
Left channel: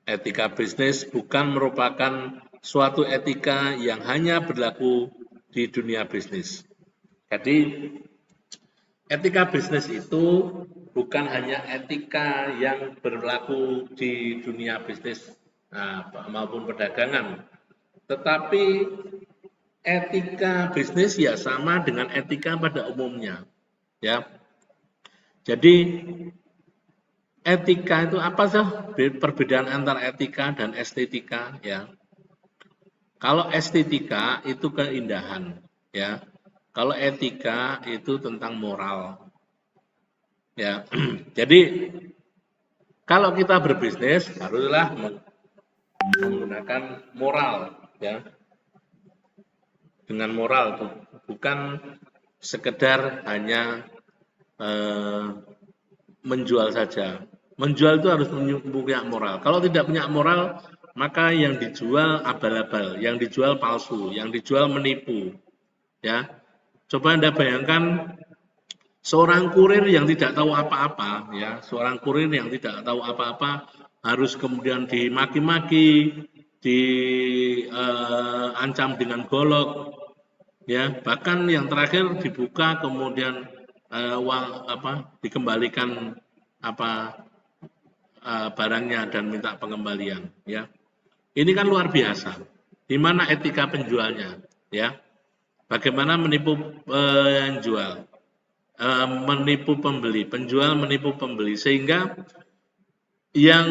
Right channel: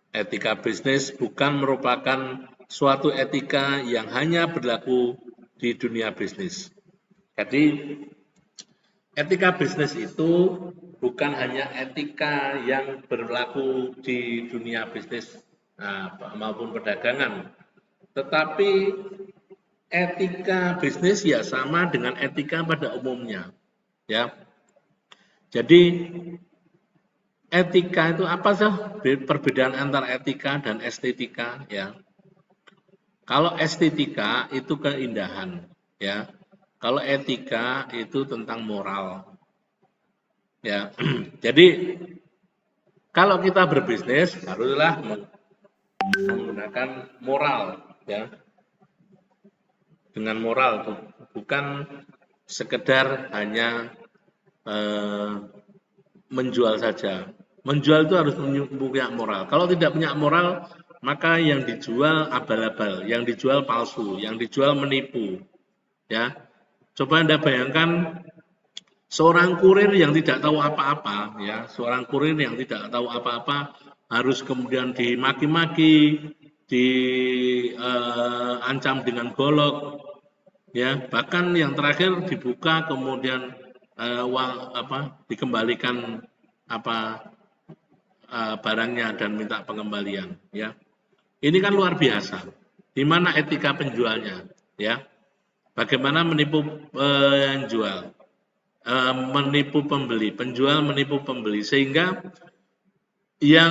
Etika bisnis bukan merupakan suatu etika yang hanya berlaku di dunia bisnis. Jadi, etika bisnis itu bukan hanya etika yang berlaku di dunia bisnis maupun perdagangan, tetapi etika bisnis ya sama dengan etika pada umumnya, ya. Jadi etika itu apa sih perbedaan antara etika dan estetika, ya? Kalau estetika itu keindahan, ya. Kalau etika itu tentang moral, ya. Jadi kalau kita berbisnis haruslah menggunakan moral, ya, dengan moral, bukan sekedar hanya menjual saja. Menjual itu harus punya moral. Kalau tidak punya moral, maka yang dijual abal-abal, yang dijual palsu, yang dijual menipu, ya. Coba Anda bayangkan seorang kurir yang tidak tahu apa-apa, ya, seorang kurir yang tidak tahu apa-apa harus kemudian dimaki-maki, diancam dengan golok, ya, bahkan yang terakhir dibuka kemudian uang dikembalikan barangnya dan minta pengembalian, ya. Ini kan luar biasa. Di mana etika penjualnya, ya? Bagaimana menipu penjual, menipu pembeli, penjual menipu pembeli, sehingga yang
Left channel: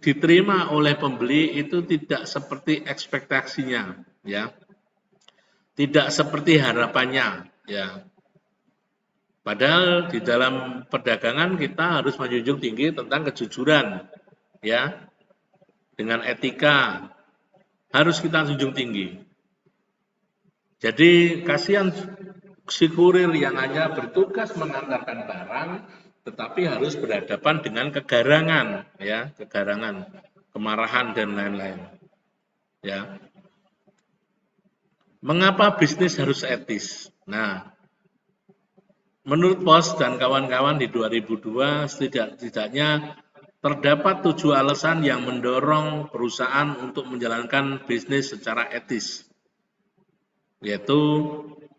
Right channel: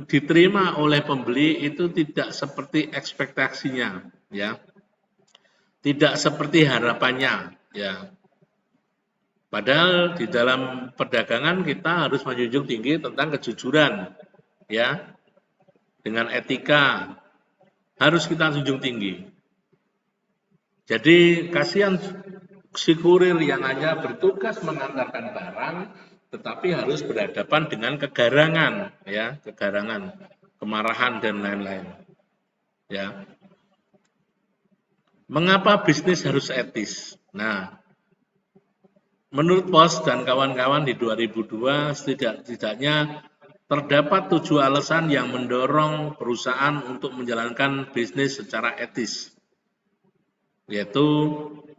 diterima oleh pembeli itu tidak seperti ekspektasinya, ya, tidak seperti harapannya, ya. Padahal di dalam perdagangan kita harus menjunjung tinggi tentang kejujuran, ya, dengan etika harus kita junjung tinggi. Jadi kasihan si kurir yang hanya bertugas mengantarkan barang, tetapi harus berhadapan dengan kegarangan, ya, kegarangan, kemarahan dan lain-lain. Ya. Mengapa bisnis harus etis? Nah, menurut Pos dan kawan-kawan di 2002 setidaknya terdapat 7 alasan yang mendorong perusahaan untuk menjalankan bisnis secara etis, yaitu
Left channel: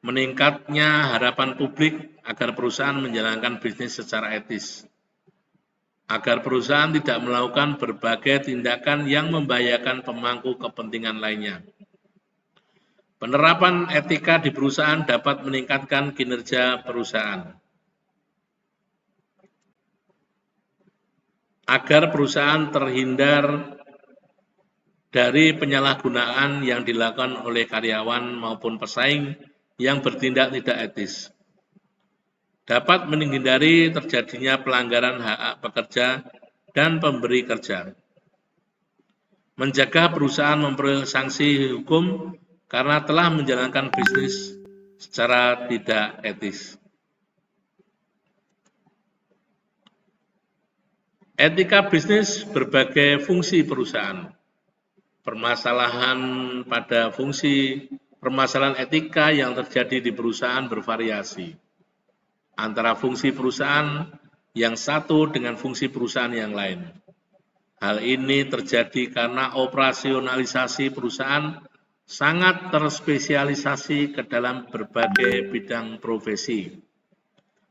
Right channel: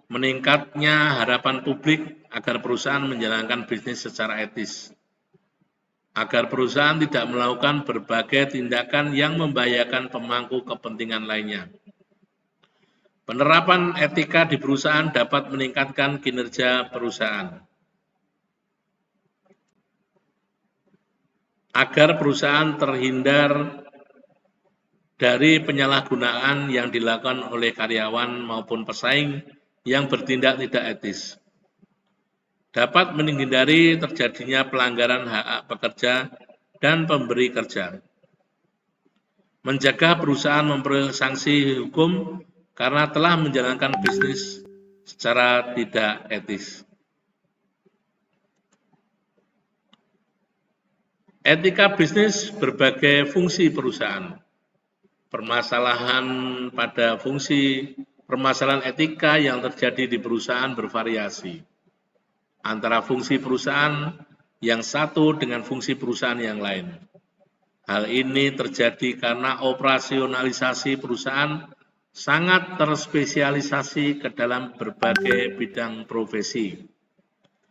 meningkatnya harapan publik agar perusahaan menjalankan bisnis secara etis, agar perusahaan tidak melakukan berbagai tindakan yang membahayakan pemangku kepentingan lainnya. Penerapan etika di perusahaan dapat meningkatkan kinerja perusahaan, agar perusahaan terhindar dari penyalahgunaan yang dilakukan oleh karyawan maupun pesaing yang bertindak tidak etis, dapat menghindari terjadinya pelanggaran hak pekerja dan pemberi kerja, menjaga perusahaan memperoleh sanksi hukum karena telah menjalankan bisnis secara tidak etis. Etika bisnis berbagai fungsi perusahaan. Permasalahan pada fungsi permasalahan etika yang terjadi di perusahaan bervariasi antara fungsi perusahaan yang satu dengan fungsi perusahaan yang lain. Hal ini terjadi karena operasionalisasi perusahaan sangat terspesialisasi ke dalam berbagai bidang profesi,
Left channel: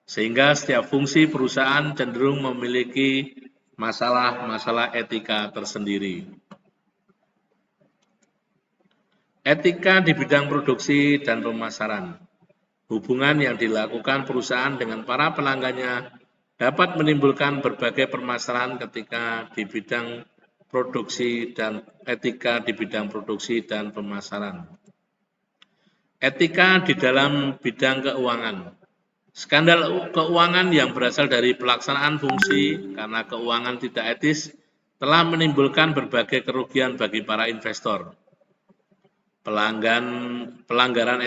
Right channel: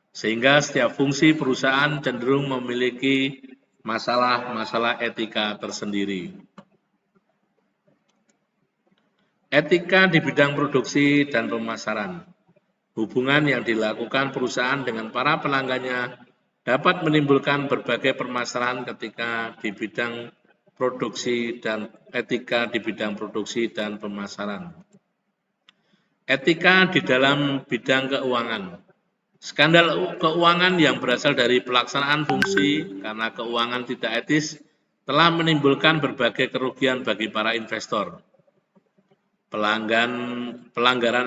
sehingga setiap fungsi perusahaan cenderung memiliki masalah-masalah etika tersendiri. Etika di bidang produksi dan pemasaran. Hubungan yang dilakukan perusahaan dengan para pelanggannya dapat menimbulkan berbagai permasalahan ketika di bidang produksi dan etika di bidang produksi dan pemasaran. Etika di dalam bidang keuangan. Skandal keuangan yang berasal dari pelaksanaan fungsi karena keuangan tidak etis telah menimbulkan berbagai kerugian bagi para investor. Pelanggaran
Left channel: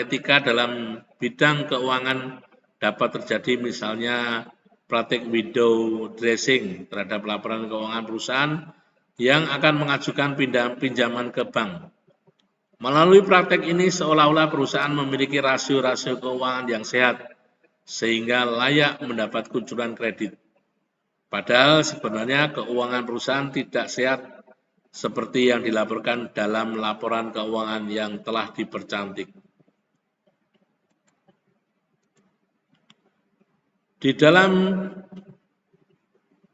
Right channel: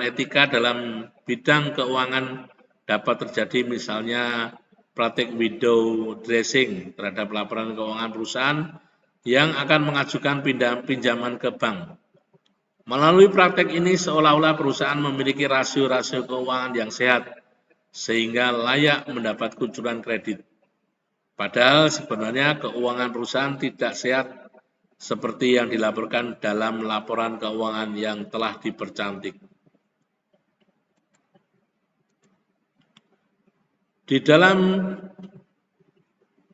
etika dalam bidang keuangan dapat terjadi, misalnya praktik window dressing terhadap laporan keuangan perusahaan yang akan mengajukan pinjaman ke bank. Melalui praktik ini seolah-olah perusahaan memiliki rasio-rasio keuangan yang sehat sehingga layak mendapat kucuran kredit. Padahal sebenarnya keuangan perusahaan tidak sehat seperti yang dilaporkan dalam laporan keuangan yang telah dipercantik. Di dalam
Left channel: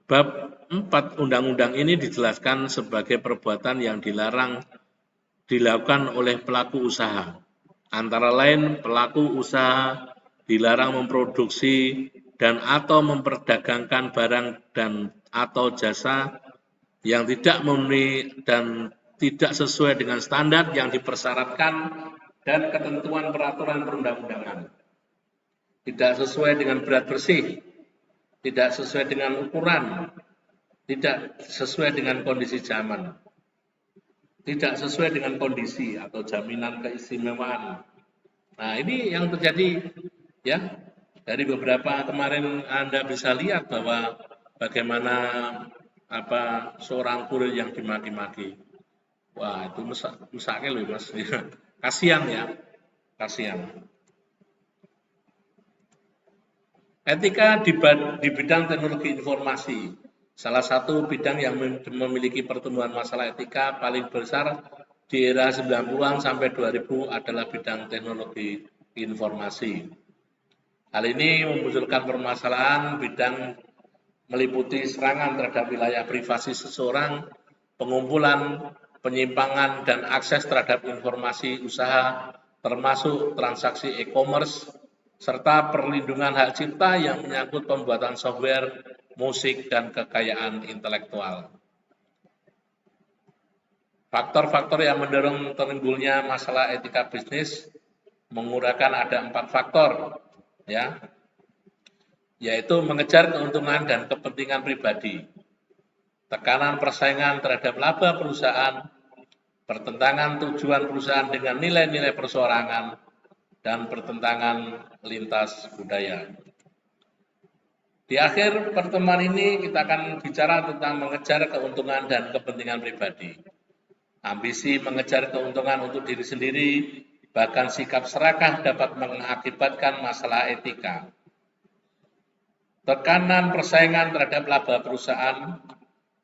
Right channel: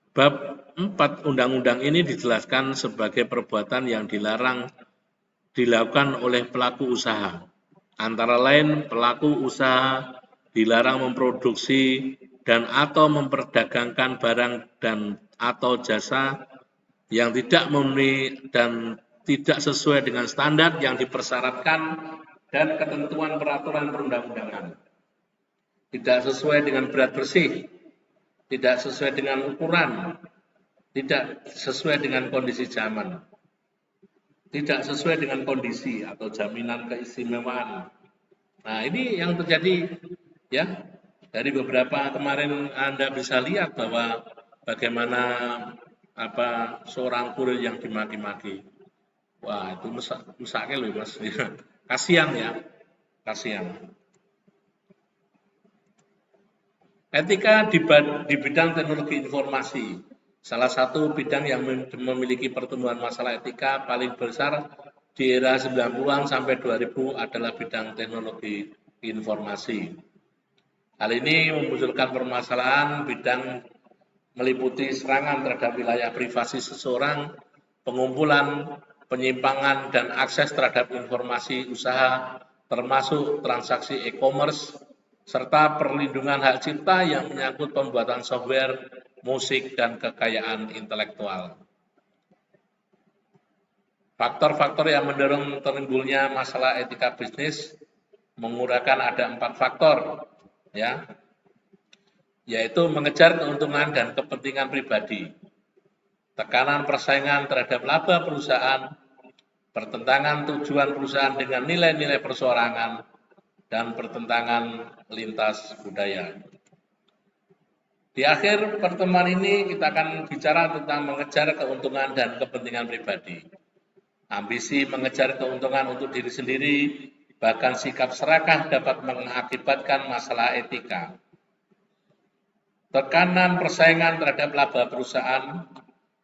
bab 4 undang-undang ini dijelaskan sebagai perbuatan yang dilarang dilakukan oleh pelaku usaha. Antara lain, pelaku usaha dilarang memproduksi dan atau memperdagangkan barang dan atau jasa yang tidak memenuhi dan tidak sesuai dengan standar yang dipersyaratkan dan ketentuan peraturan perundang-undangan, tidak sesuai dengan berat bersih, tidak sesuai dengan ukuran, tidak sesuai dengan kondisi zaman, tidak sesuai dengan kondisi atau jaminan keistimewaan. Nah, ini yang terjadi, ya. Dari beberapa kemarin Anda bisa lihat bahwa bagaimana seorang kurir yang dimaki-maki. Wah, itu mustahil Mas. Kasihan ya, kasihan. Etika di bidang teknologi informasi. Salah satu bidang yang memiliki pertumbuhan masalah etika paling besar di era 90-an sampai 2000 adalah bidang teknologi informasi. Hal ini memunculkan permasalahan bidang meliputi serangan terhadap wilayah privasi seseorang, pengumpulan, penyimpangan, dan akses terhadap informasi usaha, termasuk transaksi e-commerce, serta perlindungan hak cipta yang menyangkut pembuatan software, musik, dan kekayaan intelektual. Faktor-faktor yang mendorong timbulnya masalah etika bisnis menguraikan ada 4 faktor, ya, yaitu mengejar keuntungan dan kepentingan pribadi, tekanan persaingan terhadap laba perusahaan, pertentangan tujuan perusahaan dengan nilai-nilai perseorangan, dan pertentangan lintas budaya. Di akhir pertemuan ini kita akan bicara tentang mengejar keuntungan dan kepentingan pribadi. Ambisi mengejar keuntungan untuk diri sendiri, bahkan sikap serakah dapat mengakibatkan masalah etika. Tekanan persaingan terhadap laba perusahaan.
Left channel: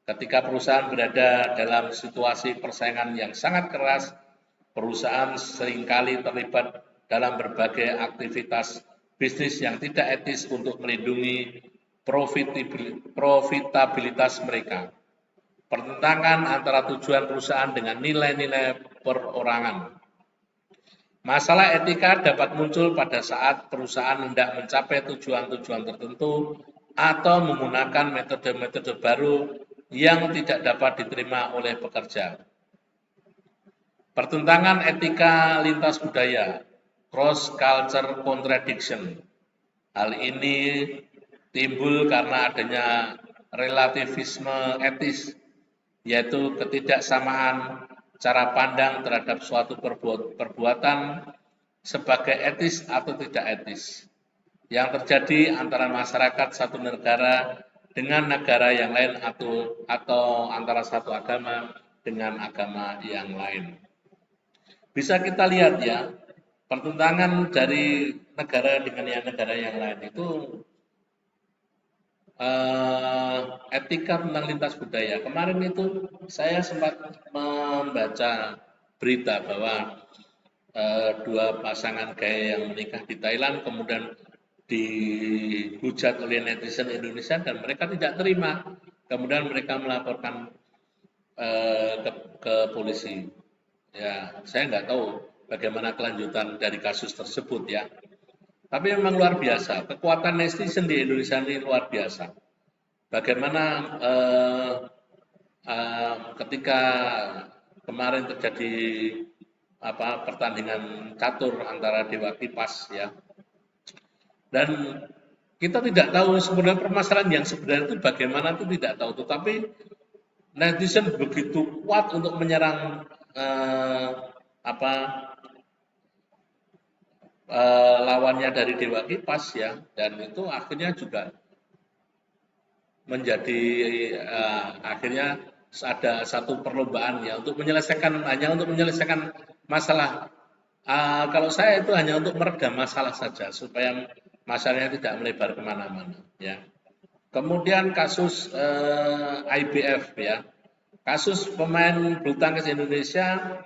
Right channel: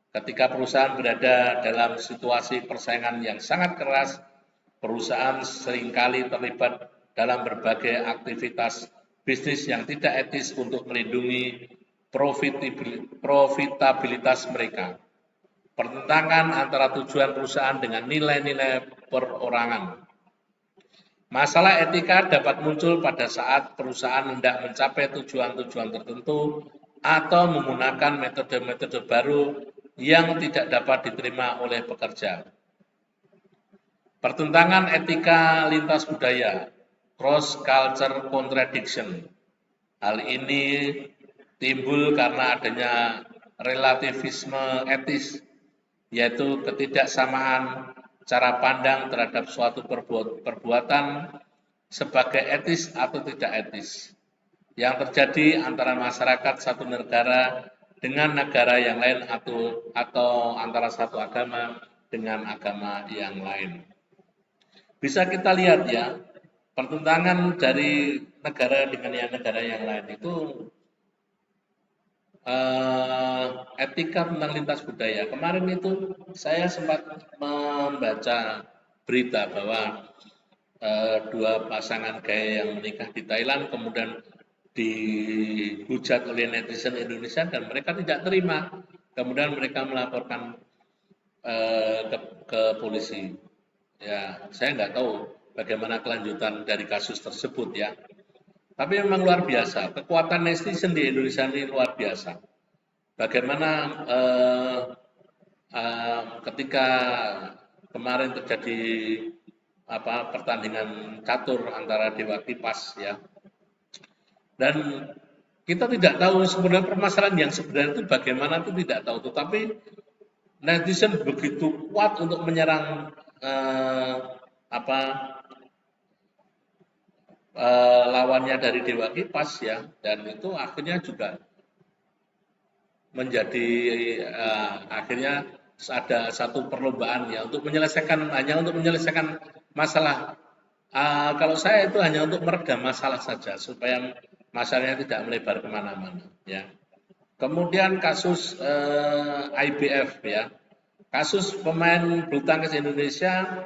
Ketika perusahaan berada dalam situasi persaingan yang sangat keras, perusahaan seringkali terlibat dalam berbagai aktivitas bisnis yang tidak etis untuk melindungi profitabilitas mereka. Pertentangan antara tujuan perusahaan dengan nilai-nilai perorangan. Masalah etika dapat muncul pada saat perusahaan hendak mencapai tujuan-tujuan tertentu atau menggunakan metode-metode baru yang tidak dapat diterima oleh pekerja. Pertentangan etika lintas budaya, cross-culture contradiction. Hal ini timbul karena adanya relativisme etis, yaitu ketidaksamaan cara pandang terhadap suatu perbuatan sebagai etis atau tidak etis yang terjadi antara masyarakat satu negara dengan negara yang lain atau antara satu agama dengan agama yang lain. Bisa kita lihat ya, pertentangan dari negara dengan negara yang lain itu etika tentang lintas budaya. Kemarin itu saya sempat membaca berita bahwa dua pasangan gaya yang menikah di Thailand kemudian dihujat oleh netizen Indonesia dan mereka tidak terima. Kemudian mereka melaporkan ke polisi. Ya, saya nggak tahu bagaimana kelanjutan dari kasus tersebut ya. Tapi memang luar biasa, kekuatan netizen di Indonesia ini luar biasa. Bagaimana ketika kemarin terjadi pertandingan catur antara Dewa Kipas ya, dan kita tidak tahu sebenarnya permasalahan yang sebenarnya itu bagaimana itu tidak tahu, tapi netizen begitu kuat untuk menyerang lawannya dari Dewa Kipas ya, dan itu akhirnya juga menjadi akhirnya ada satu perlombaan ya untuk menyelesaikan masalah. Kalau saya itu hanya untuk meredam masalah saja supaya masalahnya tidak melebar kemana-mana ya. Kemudian kasus IBF ya, kasus pemain bulu tangkis Indonesia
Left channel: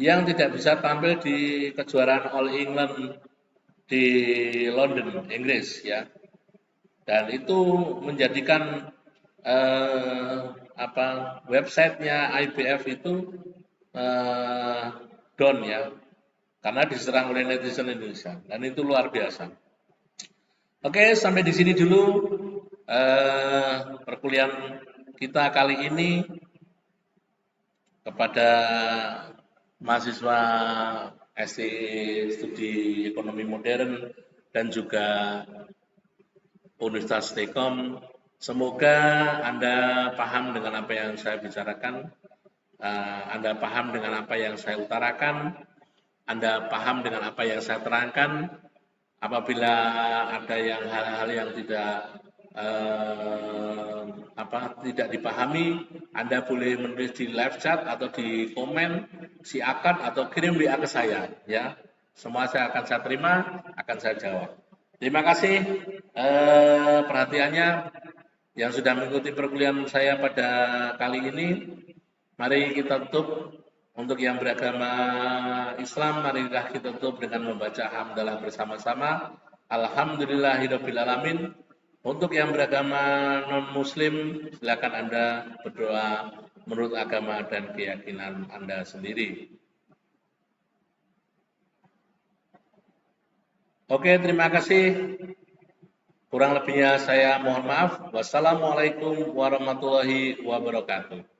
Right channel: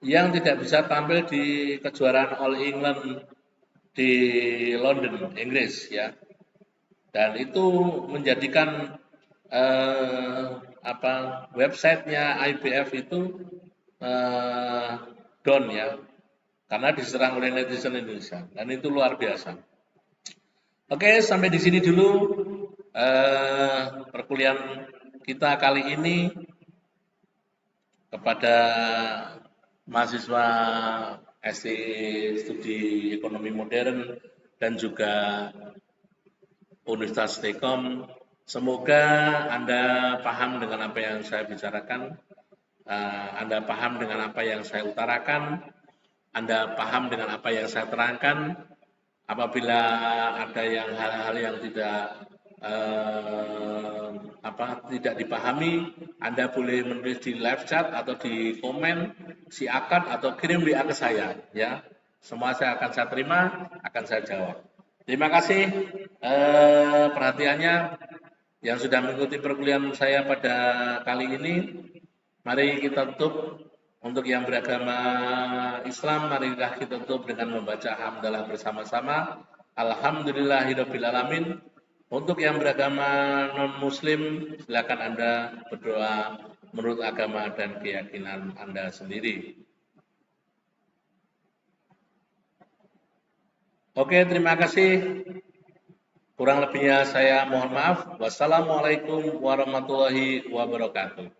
yang tidak bisa tampil di kejuaraan All England di London, Inggris ya. Dan itu menjadikan websitenya IBF itu down ya, karena diserang oleh netizen Indonesia, dan itu luar biasa. Oke, sampai di sini dulu perkuliahan kita kali ini. Kepada mahasiswa SD Studi Ekonomi Modern dan juga Universitas Telkom, semoga Anda paham dengan apa yang saya bicarakan, Anda paham dengan apa yang saya utarakan, Anda paham dengan apa yang saya terangkan. Apabila ada hal-hal yang tidak dipahami, Anda boleh menulis di live chat atau di komen, silakan, atau kirim WA ke saya ya. Semua saya akan terima, akan saya jawab. Terima kasih. Perhatiannya yang sudah mengikuti perkuliahan saya pada kali ini, mari kita tutup untuk yang beragama Islam, marilah kita tutup dengan membaca hamdalah bersama-sama. Alhamdulillahirabbil alamin. Untuk yang beragama non-muslim, silakan Anda berdoa menurut agama dan keyakinan Anda sendiri. Oke, terima kasih. Kurang lebihnya saya mohon maaf. Wassalamualaikum warahmatullahi wabarakatuh.